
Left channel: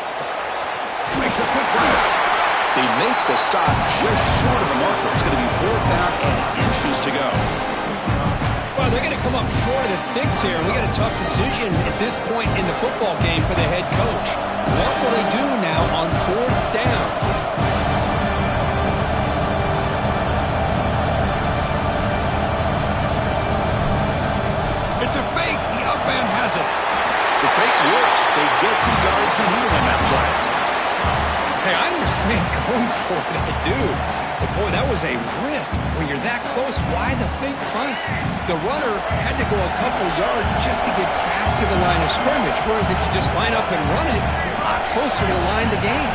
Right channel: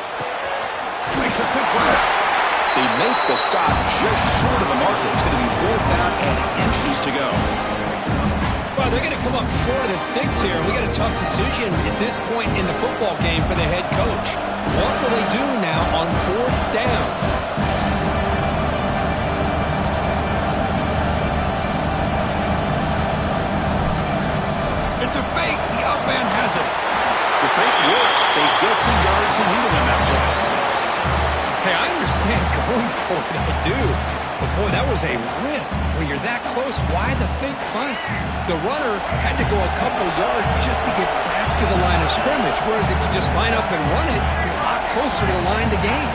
Makes a quick run out. They make the stop just short of the marker. It's going to be fourth down and inches to go. Well, they're going to come up short of the sticks here. We got a tough decision at this point in the football game for the head coach. What will they do now on fourth down? It's a fake. The up man has it. The fake works. They get the yards they needed in that play. Hey, I understand going for it. I do. But, boy, that was a risk. When you're that close, why the fake punt? The runner had to go a couple yards just to get back to the line of scrimmage, whereas if you just line up and run it, you're a lot closer to the line to gain.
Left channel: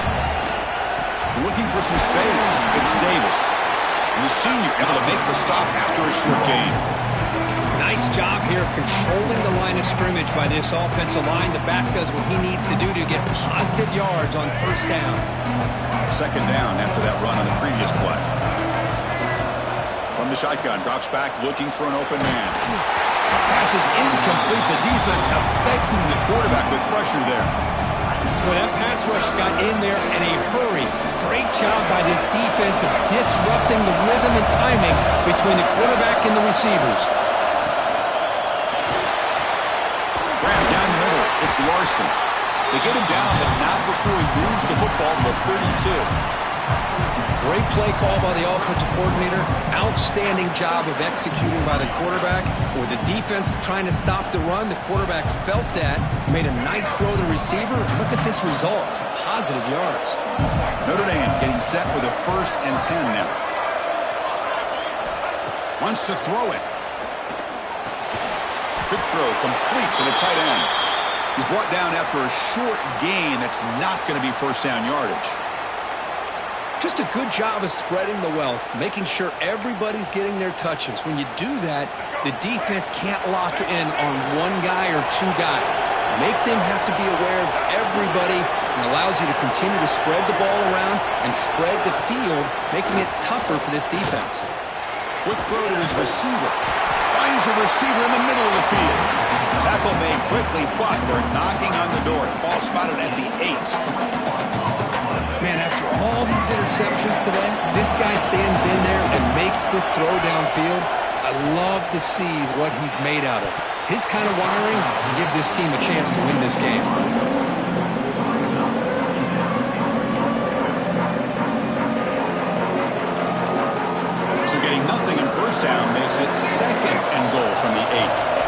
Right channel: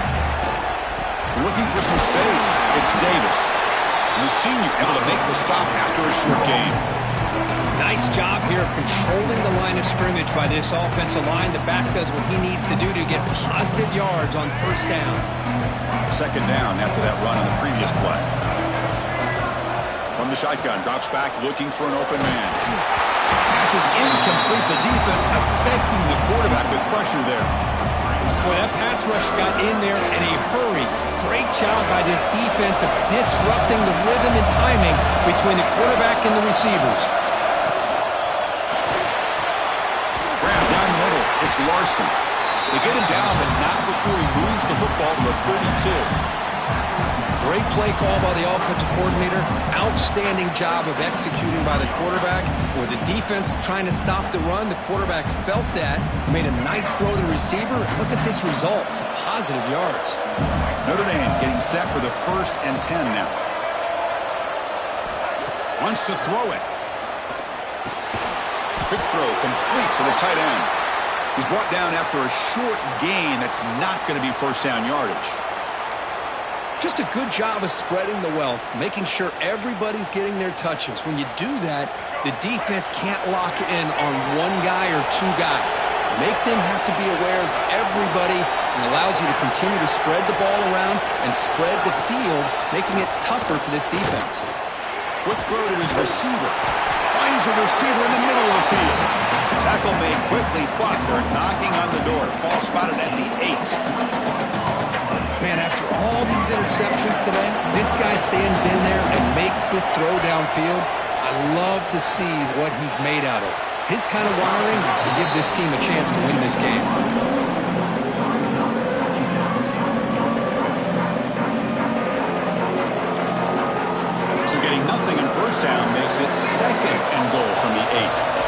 Looking for some space. It's Davis. And the senior able to make the stop after a short gain. Nice job here of controlling the line of scrimmage by this offensive line. The back does what he needs to do to get positive yards on first down. Second down after that run on the previous play. From the shotgun, drops back looking for an open man. Pass is incomplete. The defense affecting the quarterback with pressure there. Boy, that pass rush got in there in a hurry. Great job by this defense of disrupting the rhythm and timing between the quarterback and the receivers. It's Larson. They get him down, but not before he moves the football to the 32. Great play call by the offensive coordinator. Outstanding job of executing by the quarterback. With the defense trying to stop the run, the quarterback felt that, made a nice throw to the receiver. Look at this result. Some positive yards. Notre Dame getting set for the 1st and 10 now. Wants to throw it. Quick throw complete to the tight end. He's brought down after a short gain that's not going to be first down yardage. Just a good job of spreading the wealth, making sure everybody's getting their touches. When you do that, the defense can't lock in on one guy or two guys. Make them have to be aware of everybody, and allows you to continue to spread the ball around and spread the field, making it tougher for this defense. Quick throw to his receiver. Finds a receiver in the middle of the field. Tackle made quickly, but they're knocking on the door. Ball spotted at the 8. Man, after all these interceptions today, this guy stands in there and makes this throw downfield. I love to see what he's made out of. His kind of wiring will give this team a chance to win this game. So getting nothing in first down makes it 2nd and goal from the 8.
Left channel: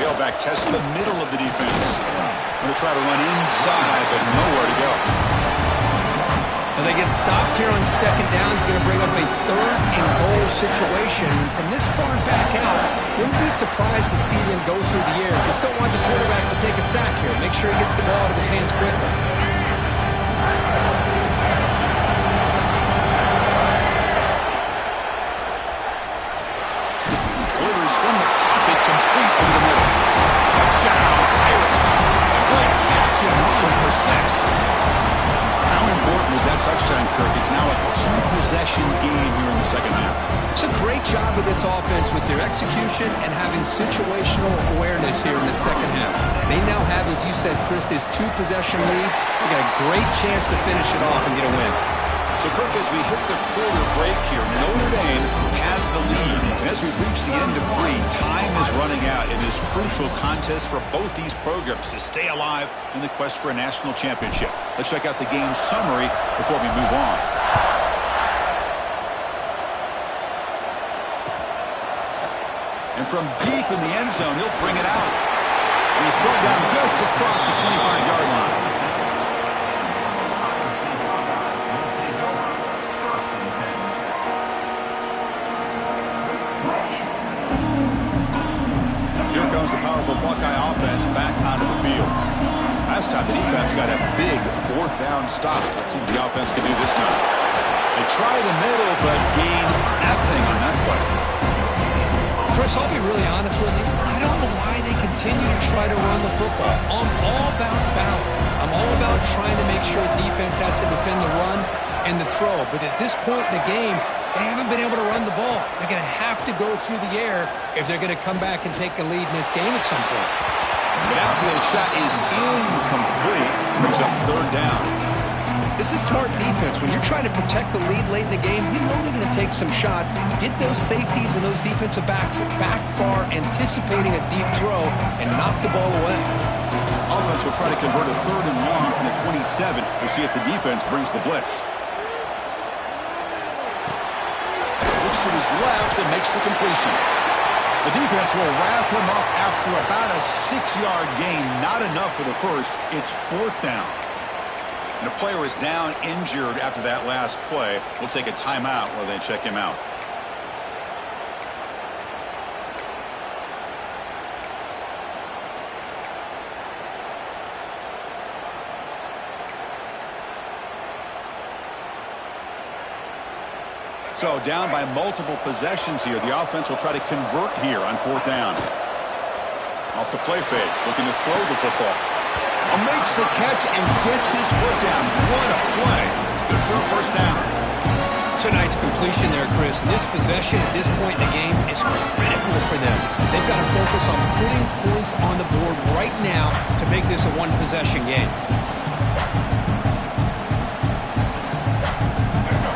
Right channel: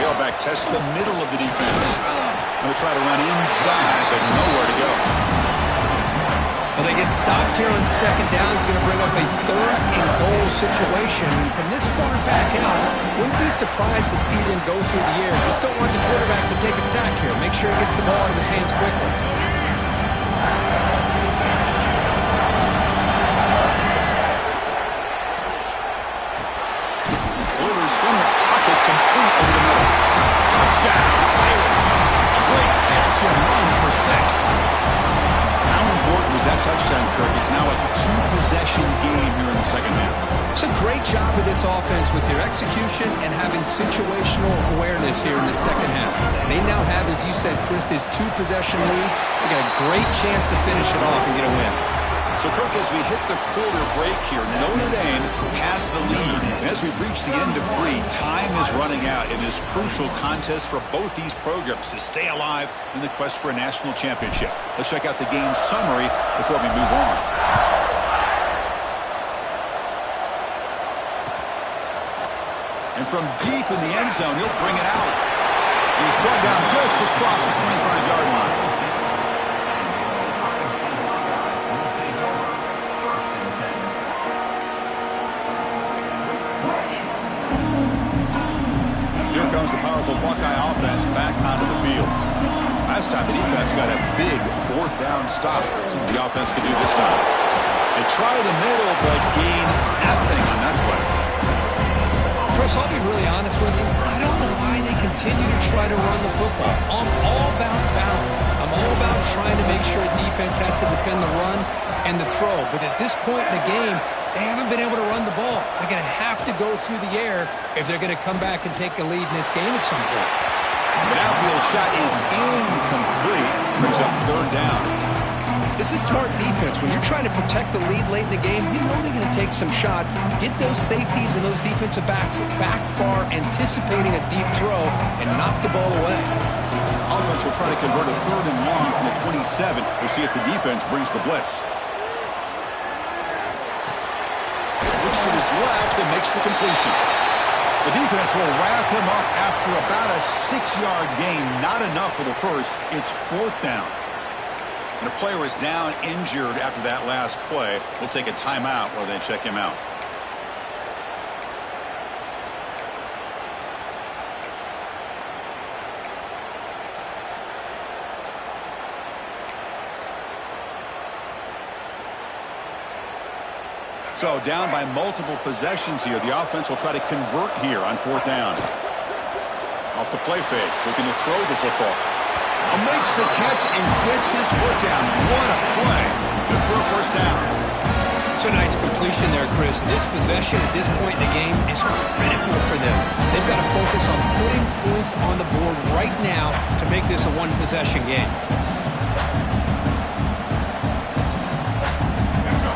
Tailback tests the middle of the defense. Going to try to run inside, but nowhere to go. Well, they get stopped here on second down. It's going to bring up a third-and-goal situation. And from this far back out, wouldn't be surprised to see them go through the air. Just don't want the quarterback to take a sack here. Make sure he gets the ball out of his hands quickly. Delivers from the pocket, complete over the middle. Touchdown, Irish. A great catch and run for 6. How important was that touchdown, Kirk? It's now a 2-possession game here in the second half. It's a great job of this offense with their execution and having situational awareness here in the second half. They now have, as you said, Chris, this 2-possession lead. They got a great chance to finish it off and get a win. So, Kirk, as we hit the quarter break here, Notre Dame has the lead. And as we reach the end of 3, time is running out in this crucial contest for both these programs to stay alive in the quest for a national championship. Let's check out the game summary before we move on. And from deep in the end zone, he'll bring it out. He's brought down just across the 25-yard line. Comes the powerful Buckeye offense back onto the field. Last time the defense got a big 4th down stop. Let's see what the offense can do this time. They try the middle, but gain nothing on that play. Chris, I'll be really honest with you. I don't know why they continue to try to run the football. I'm all about balance. I'm all about trying to make sure defense has to defend the run and the throw. But at this point in the game, they haven't been able to run the ball. They're going to have to go through the air if they're going to come back and take a lead in this game at some point. The outfield shot is incomplete. Brings up 3rd down. This is smart defense. When you're trying to protect the lead late in the game, you know they're going to take some shots, get those safeties and those defensive backs back far, anticipating a deep throw, and knock the ball away. Offense will try to convert a 3rd and long from the 27. We'll see if the defense brings the blitz. Looks to his left and makes the completion. The defense will wrap him up after about a 6-yard gain. Not enough for the first. It's 4th down. And a player is down injured after that last play. We'll take a timeout while they check him out. So down by multiple possessions here. The offense will try to convert here on 4th down. Off the play fake, looking to throw the football. Makes the catch and gets his foot down. What a play. Good for a 1st down. It's a nice completion there, Chris. This possession at this point in the game is critical for them. They've got to focus on putting points on the board right now to make this a 1-possession game.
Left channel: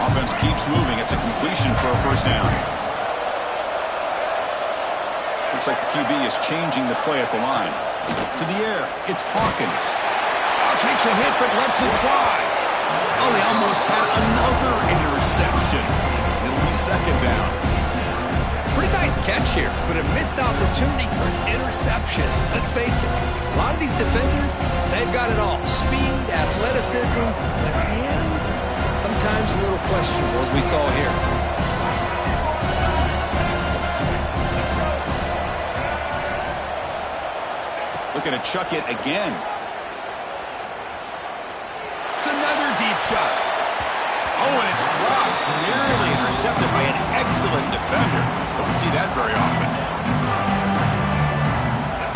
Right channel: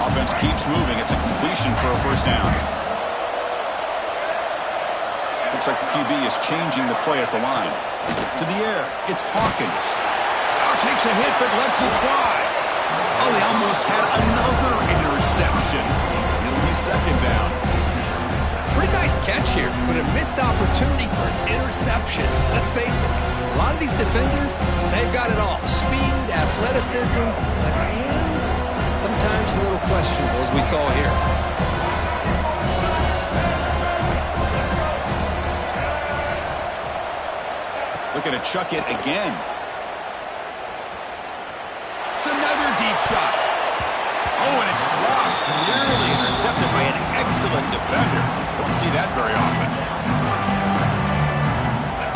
Offense keeps moving. It's a completion for a 1st down. Looks like the QB is changing the play at the line. To the air, it's Hawkins. Now takes a hit, but lets it fly. Oh, they almost had another interception. It'll be 2nd down. Pretty nice catch here, but a missed opportunity for an interception. Let's face it, a lot of these defenders, they've got it all. Speed, athleticism, but hands, sometimes a little questionable, as we saw here. Looking to chuck it again. It's another deep shot. Oh, and it's dropped. Nearly intercepted by an excellent defender. Don't see that very often.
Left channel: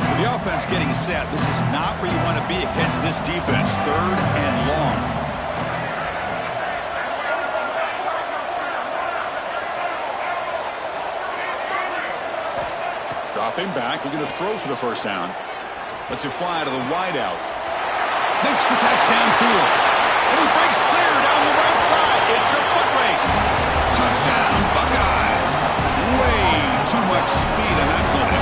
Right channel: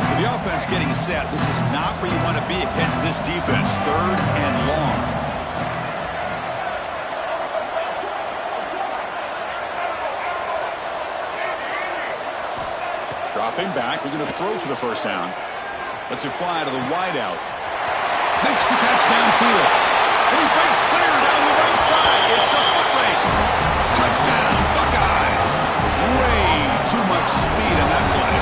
So the offense getting set. This is not where you want to be against this defense. 3rd and long. Dropping back, looking to throw for the 1st down. Lets it fly to the wideout. Makes the catch downfield. And he breaks clear down the right side. It's a foot race. Touchdown, Buckeyes. Way too much speed on that play.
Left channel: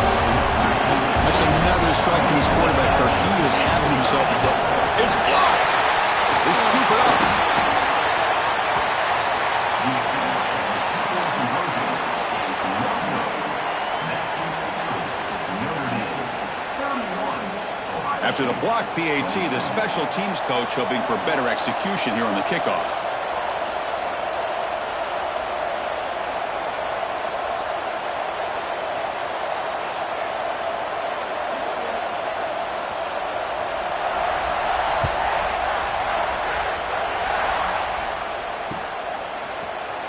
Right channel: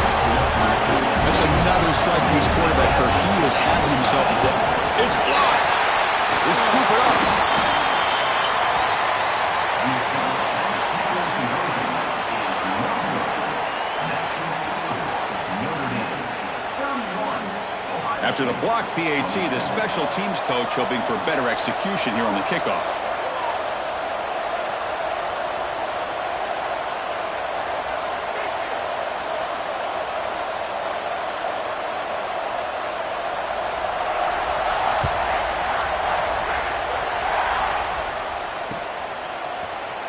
That's another strike from his quarterback, Kirk. He is having himself a day. It's blocked. They scoop it up. After the block PAT, the special teams coach hoping for better execution here on the kickoff.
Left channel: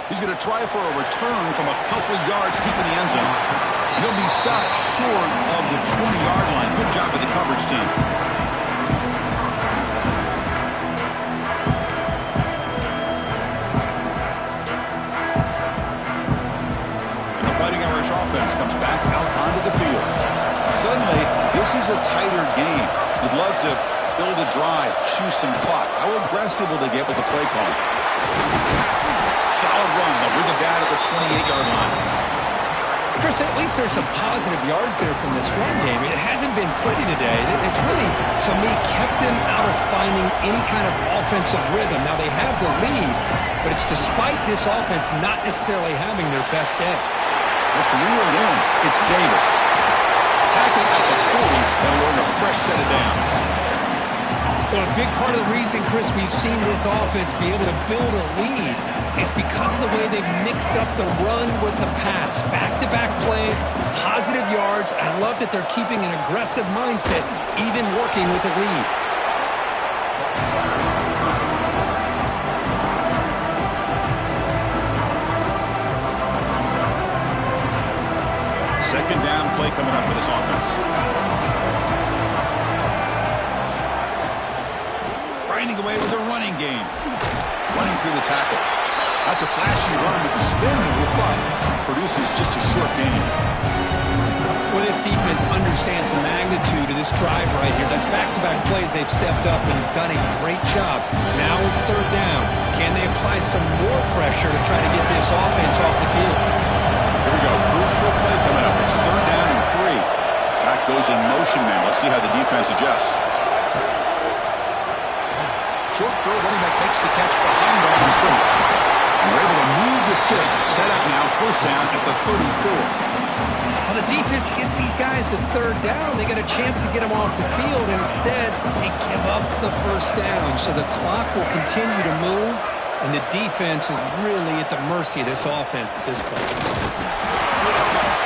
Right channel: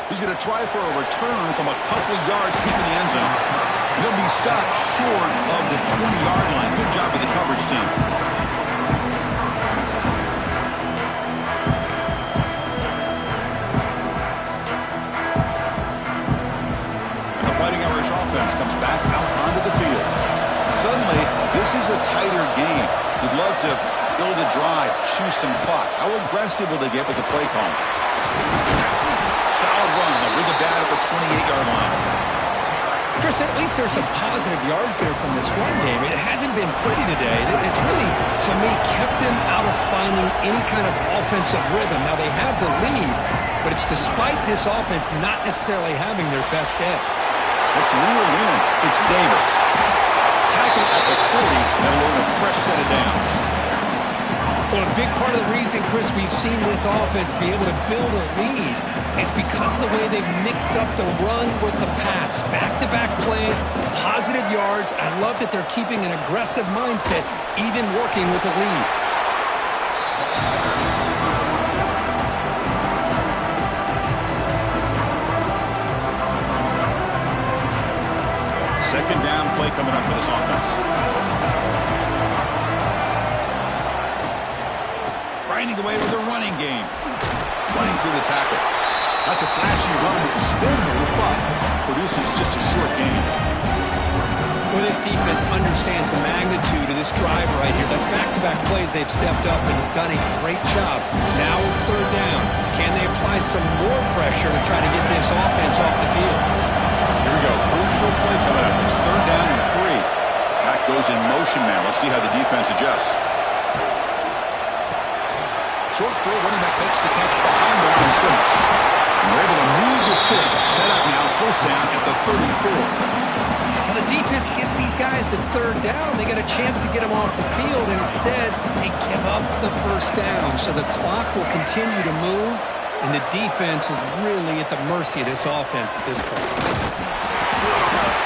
He's going to try for a return from a couple of yards deep in the end zone. He'll be stopped short of the 20-yard line. Good job by the coverage team. And the Fighting Irish offense comes back out onto the field. Suddenly, this is a tighter game. You'd love to build a drive, choose some clock. How aggressive will they get with the play call? Solid run. They'll bring the bat at the 28-yard line. Chris, at least there's some positive yards there from this run game. It hasn't been pretty today. It's really, to me, kept them out of finding any kind of offensive rhythm. Now, they have the lead, but it's despite this offense not necessarily having their best day. That's reeled in. It's Davis. Tackled at the 40. That'll earn a fresh set of downs. Well, a big part of the reason, Chris, we've seen this offense be able to build a lead is because of the way they've mixed up the run with the pass. Back-to-back plays, positive yards. I love that they're keeping an aggressive mindset, even working with a lead. Second down play coming up for this offense. Grinding away with a running game. Running through the tackle. That's a flashy run with the spin move, but produces just a short gain. Well, this defense understands the magnitude of this drive right here. That's back-to-back plays. They've stepped up and done a great job. Now it's third down. Can they apply some more pressure to try to get this offense off the field? Here we go. Crucial play coming up. It's third down and 3. Back goes in motion now. Let's see how the defense adjusts. Short throw. Running back makes the catch behind the line of scrimmage. And we're able to move the sticks. Set up now. First down at the 34. Well, the defense gets these guys to third down. They get a chance to get them off the field, and instead they give up the first down. So the clock will continue to move, and the defense is really at the mercy of this offense at this point.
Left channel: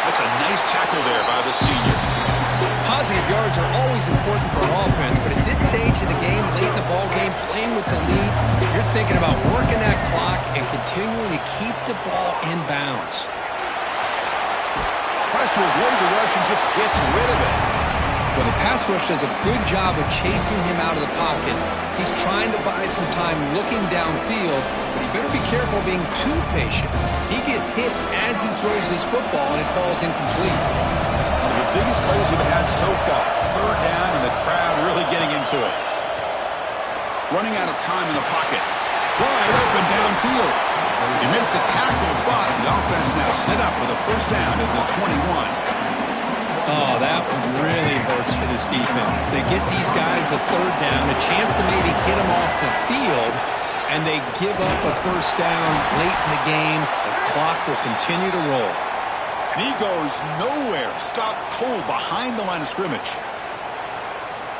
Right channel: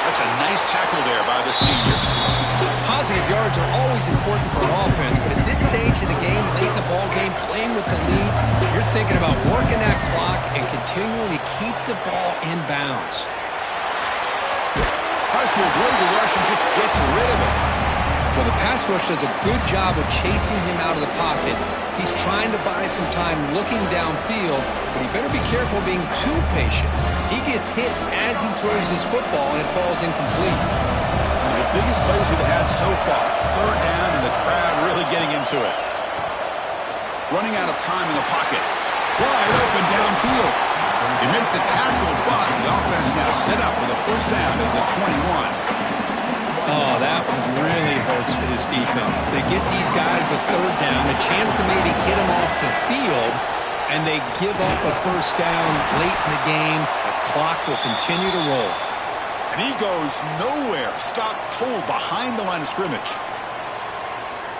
That's a nice tackle there by the senior. Positive yards are always important for an offense, but at this stage of the game, late in the ball game, playing with the lead, you're thinking about working that clock and continuing to keep the ball in bounds. Tries to avoid the rush and just gets rid of it. Well, the pass rush does a good job of chasing him out of the pocket. He's trying to buy some time looking downfield, but he better be careful being too patient. He gets hit as he throws his football, and it falls incomplete. One of the biggest plays we've had so far. Third down, and the crowd really getting into it. Running out of time in the pocket. Wide open downfield. They make the tackle, but the offense now set up with a first down at the 21. Oh, that really hurts for this defense. They get these guys the third down, a chance to maybe get them off the field, and they give up a first down late in the game. The clock will continue to roll. And he goes nowhere. Stopped cold behind the line of scrimmage.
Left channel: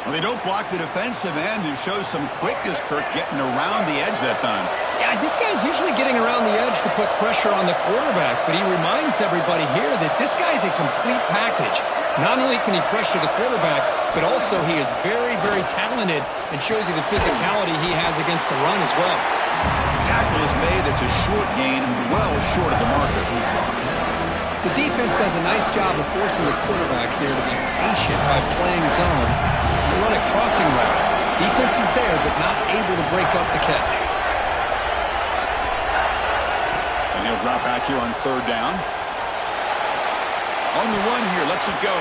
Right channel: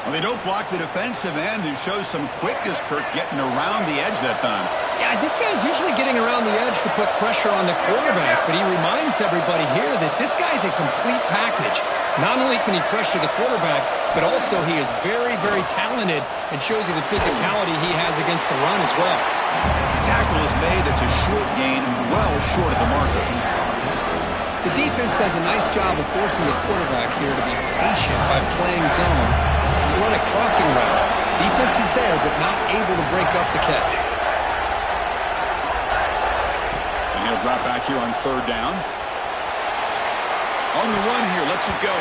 Well, they don't block the defensive end, who shows some quickness, Kirk, getting around the edge that time. Yeah, this guy's usually getting around the edge to put pressure on the quarterback, but he reminds everybody here that this guy's a complete package. Not only can he pressure the quarterback, but also he is very, very talented and shows you the physicality he has against the run as well. Tackle is made. That's a short gain, well short of the marker. The defense does a nice job of forcing the quarterback here to be patient by playing zone. You run a crossing route. Defense is there, but not able to break up the catch. And he'll drop back here on third down. On the run here, lets it go.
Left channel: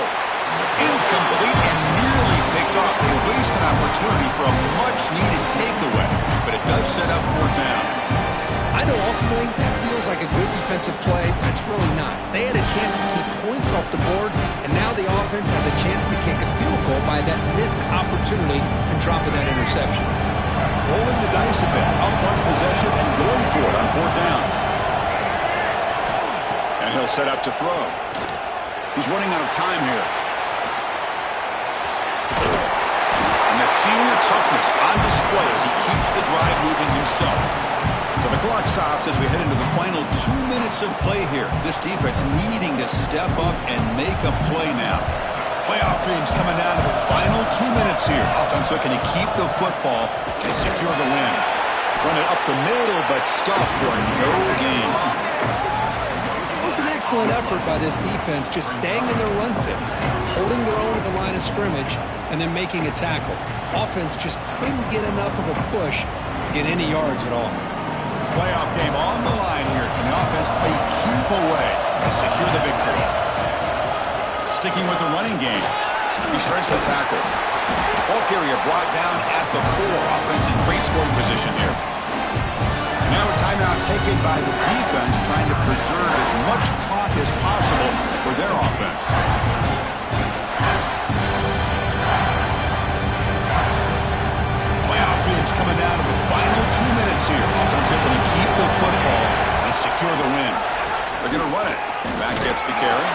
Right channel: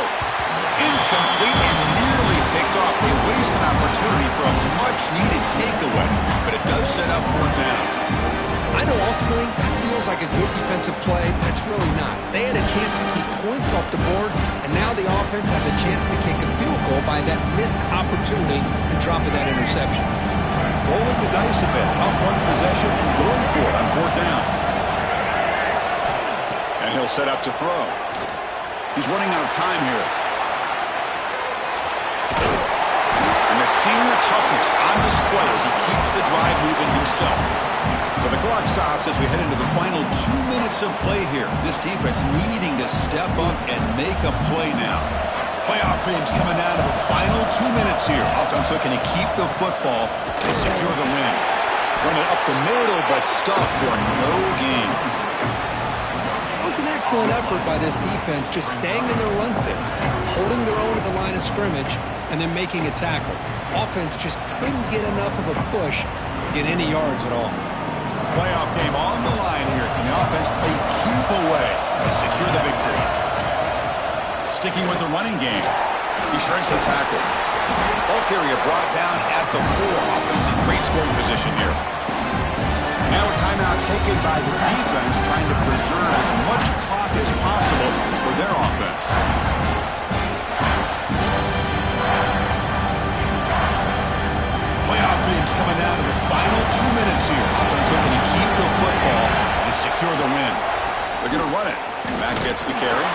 Incomplete and nearly picked off. They waste an opportunity for a much-needed takeaway, but it does set up fourth down. I know ultimately that feels like a good defensive play, but it's really not. They had a chance to keep points off the board, and now the offense has a chance to kick a field goal by that missed opportunity and dropping that interception. Rolling the dice a bit, up one possession and going for it on fourth down. And he'll set up to throw. He's running out of time here. Senior toughness on display as he keeps the drive moving himself. So the clock stops as we head into the final 2 minutes of play here. This defense needing to step up and make a play now. Playoff dreams coming down to the final 2 minutes here. Offense looking to keep the football and secure the win. Run it up the middle, but stuffed for no gain. It was an excellent effort by this defense, just staying in their run fits, holding their own at the line of scrimmage, and then making a tackle. Offense just couldn't get enough of a push to get any yards at all. Playoff game on the line here. Can the offense play keep away and secure the victory? Sticking with the running game. He shreds the tackle. Ball carrier brought down at the 4. Offense in great scoring position here. And now a timeout taken by the defense, trying to preserve as much clock as possible for their offense. Playoff dreams coming down to the final 2 minutes here. Offense looking to keep the football and secure the win. They're going to run it. Back gets the carry.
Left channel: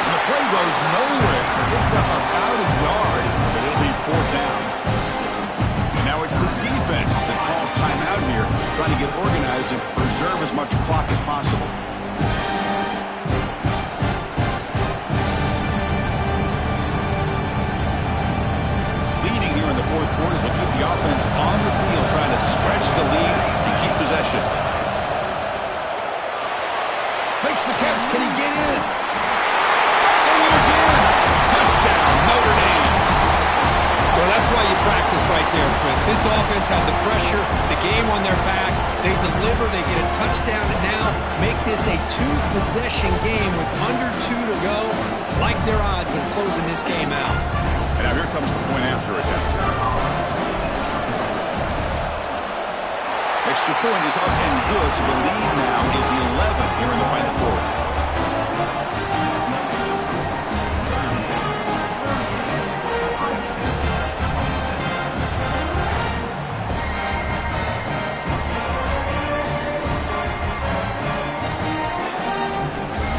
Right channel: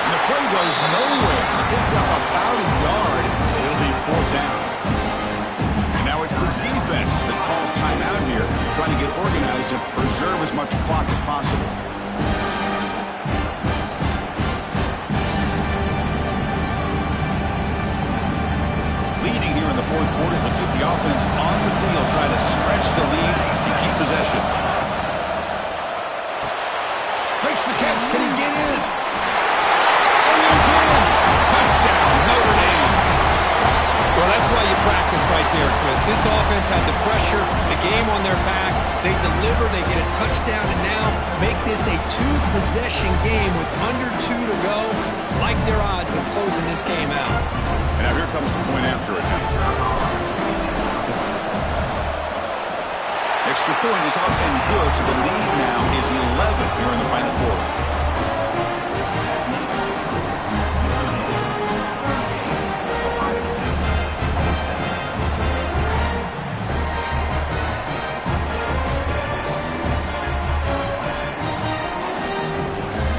And the play goes nowhere. Picked up about a yard, but it'll be 4th down. And now it's the defense that calls timeout here, trying to get organized and preserve as much clock as possible. Leading here in the 4th quarter, they'll keep the offense on the field, trying to stretch the lead and keep possession. Makes the catch. Can he get in? He's in. Touchdown, Notre Dame. Well, that's why you practice right there, Chris. This offense had the pressure, the game on their back. They deliver, they get a touchdown, and now make this a 2-possession game with under 2 to go. Like their odds of closing this game out. And now here comes the point after attempt. Extra point is up and good, so the lead now is 11 here in the final quarter.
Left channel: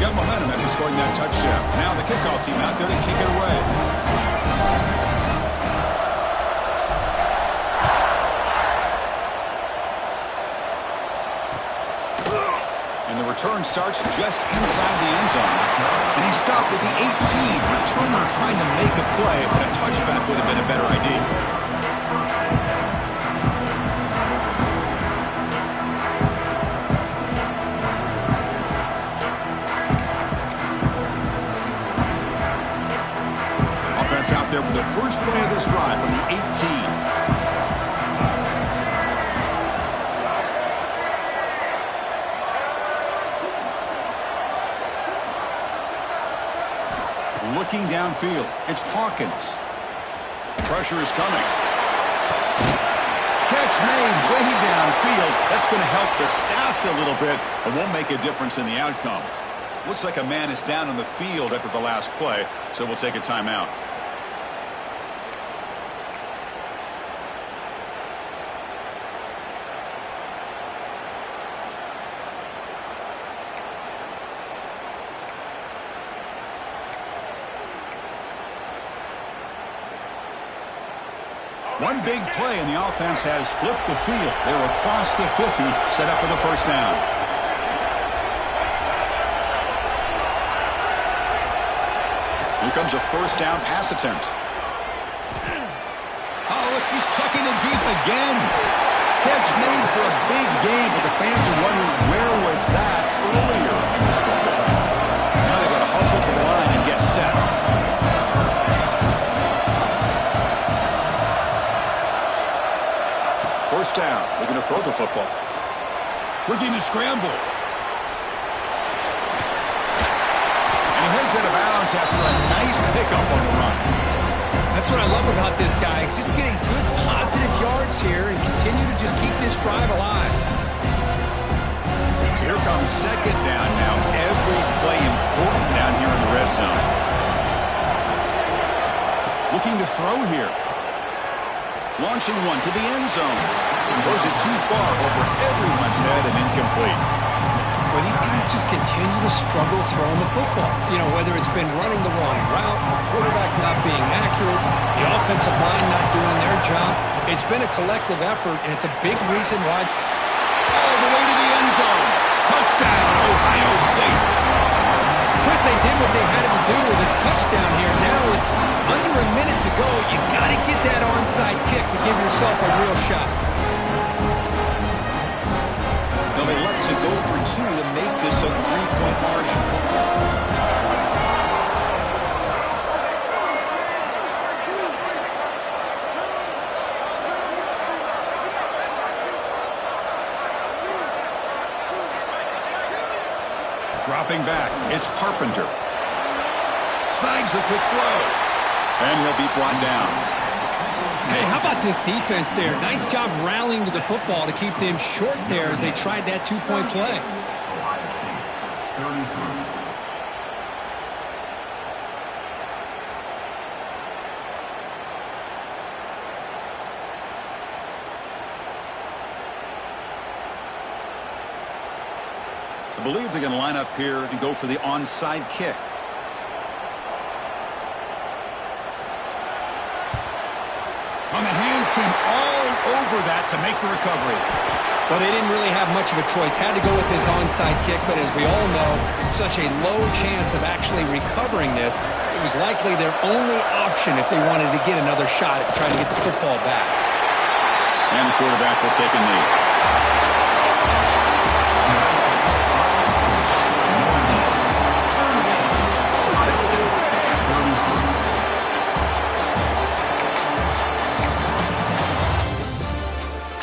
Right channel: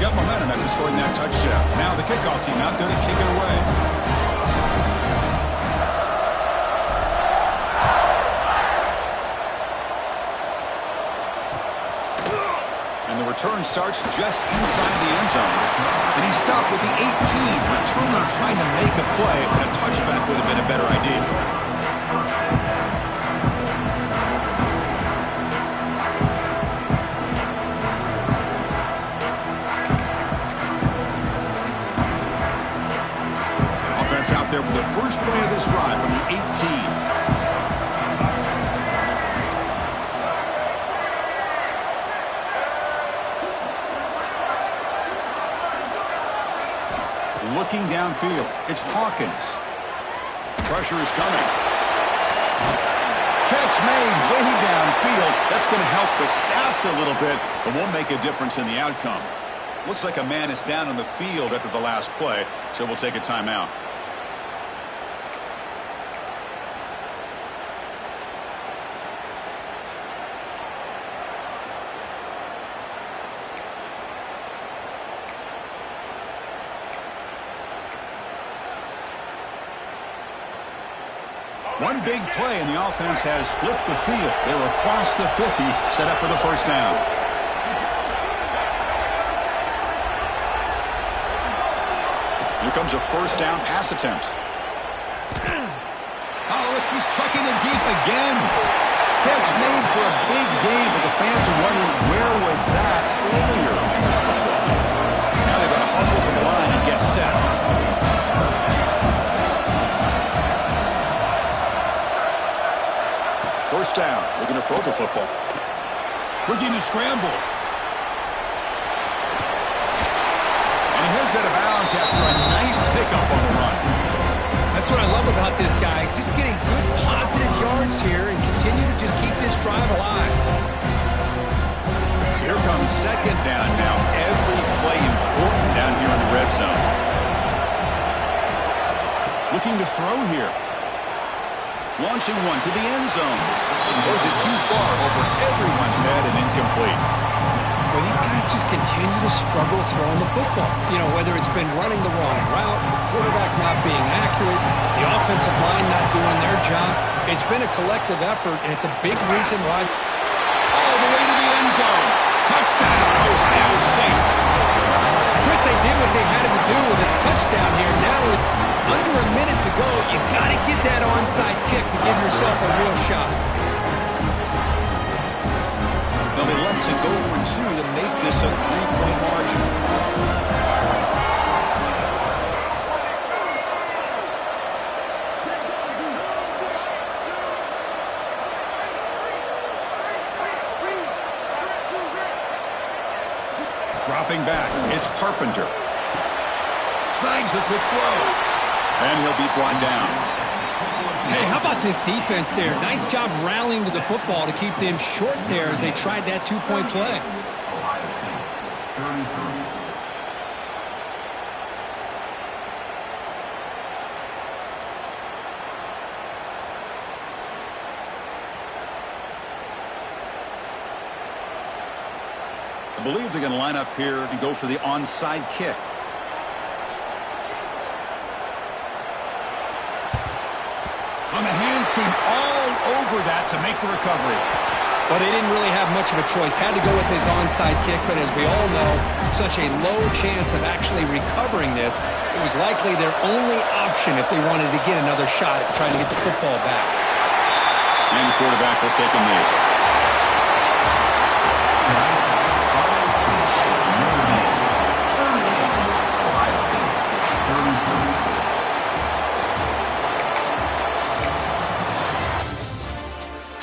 Got momentum after scoring that touchdown. Now the kickoff team out there to kick it away. And the return starts just inside the end zone. And he stopped with the 18. Returner trying to make a play, but a touchback would have been a better idea. Out there for the first play of this drive from the 18. Looking downfield, it's Hawkins. Pressure is coming. Catch made way downfield. That's going to help the stats a little bit, but won't make a difference in the outcome. Looks like a man is down on the field after the last play, so we'll take a timeout. One big play, and the offense has flipped the field. They're across the 50, set up for the first down. Here comes a first down pass attempt. Oh, look, he's trucking it deep again. Catch made for a big game, but the fans are wondering where was that earlier in this football game. Now they've got to hustle to the line and get set. First down, looking to throw the football. Looking to scramble. And he heads out of bounds after a nice pickup on the run. That's what I love about this guy. Just getting good positive yards here and continue to just keep this drive alive. So here comes second down now. Every play important down here in the red zone. Looking to throw here. Launching one to the end zone. Throws it too far over everyone's head and incomplete. Well, these guys just continue to struggle throwing the football. You know, whether it's been running the wrong route, the quarterback not being accurate, the offensive line not doing their job. It's been a collective effort, and it's a big reason why. All the way to the end zone. Touchdown, Ohio State. Chris, they did what they had to do with this touchdown here. Now with under a minute to go, you got to get that onside kick to give yourself a real shot. They'll elect to go for 2 to make this a 3-point margin. Dropping back, it's Carpenter. Snags the quick throw. And he'll be brought down. Hey, how about this defense there? Nice job rallying to the football to keep them short there as they tried that 2-point play. I believe they're going to line up here and go for the onside kick. On the hands team all over that to make the recovery. Well, they didn't really have much of a choice. Had to go with his onside kick, but as we all know, such a low chance of actually recovering this. It was likely their only option if they wanted to get another shot at trying to get the football back. And the quarterback will take a knee.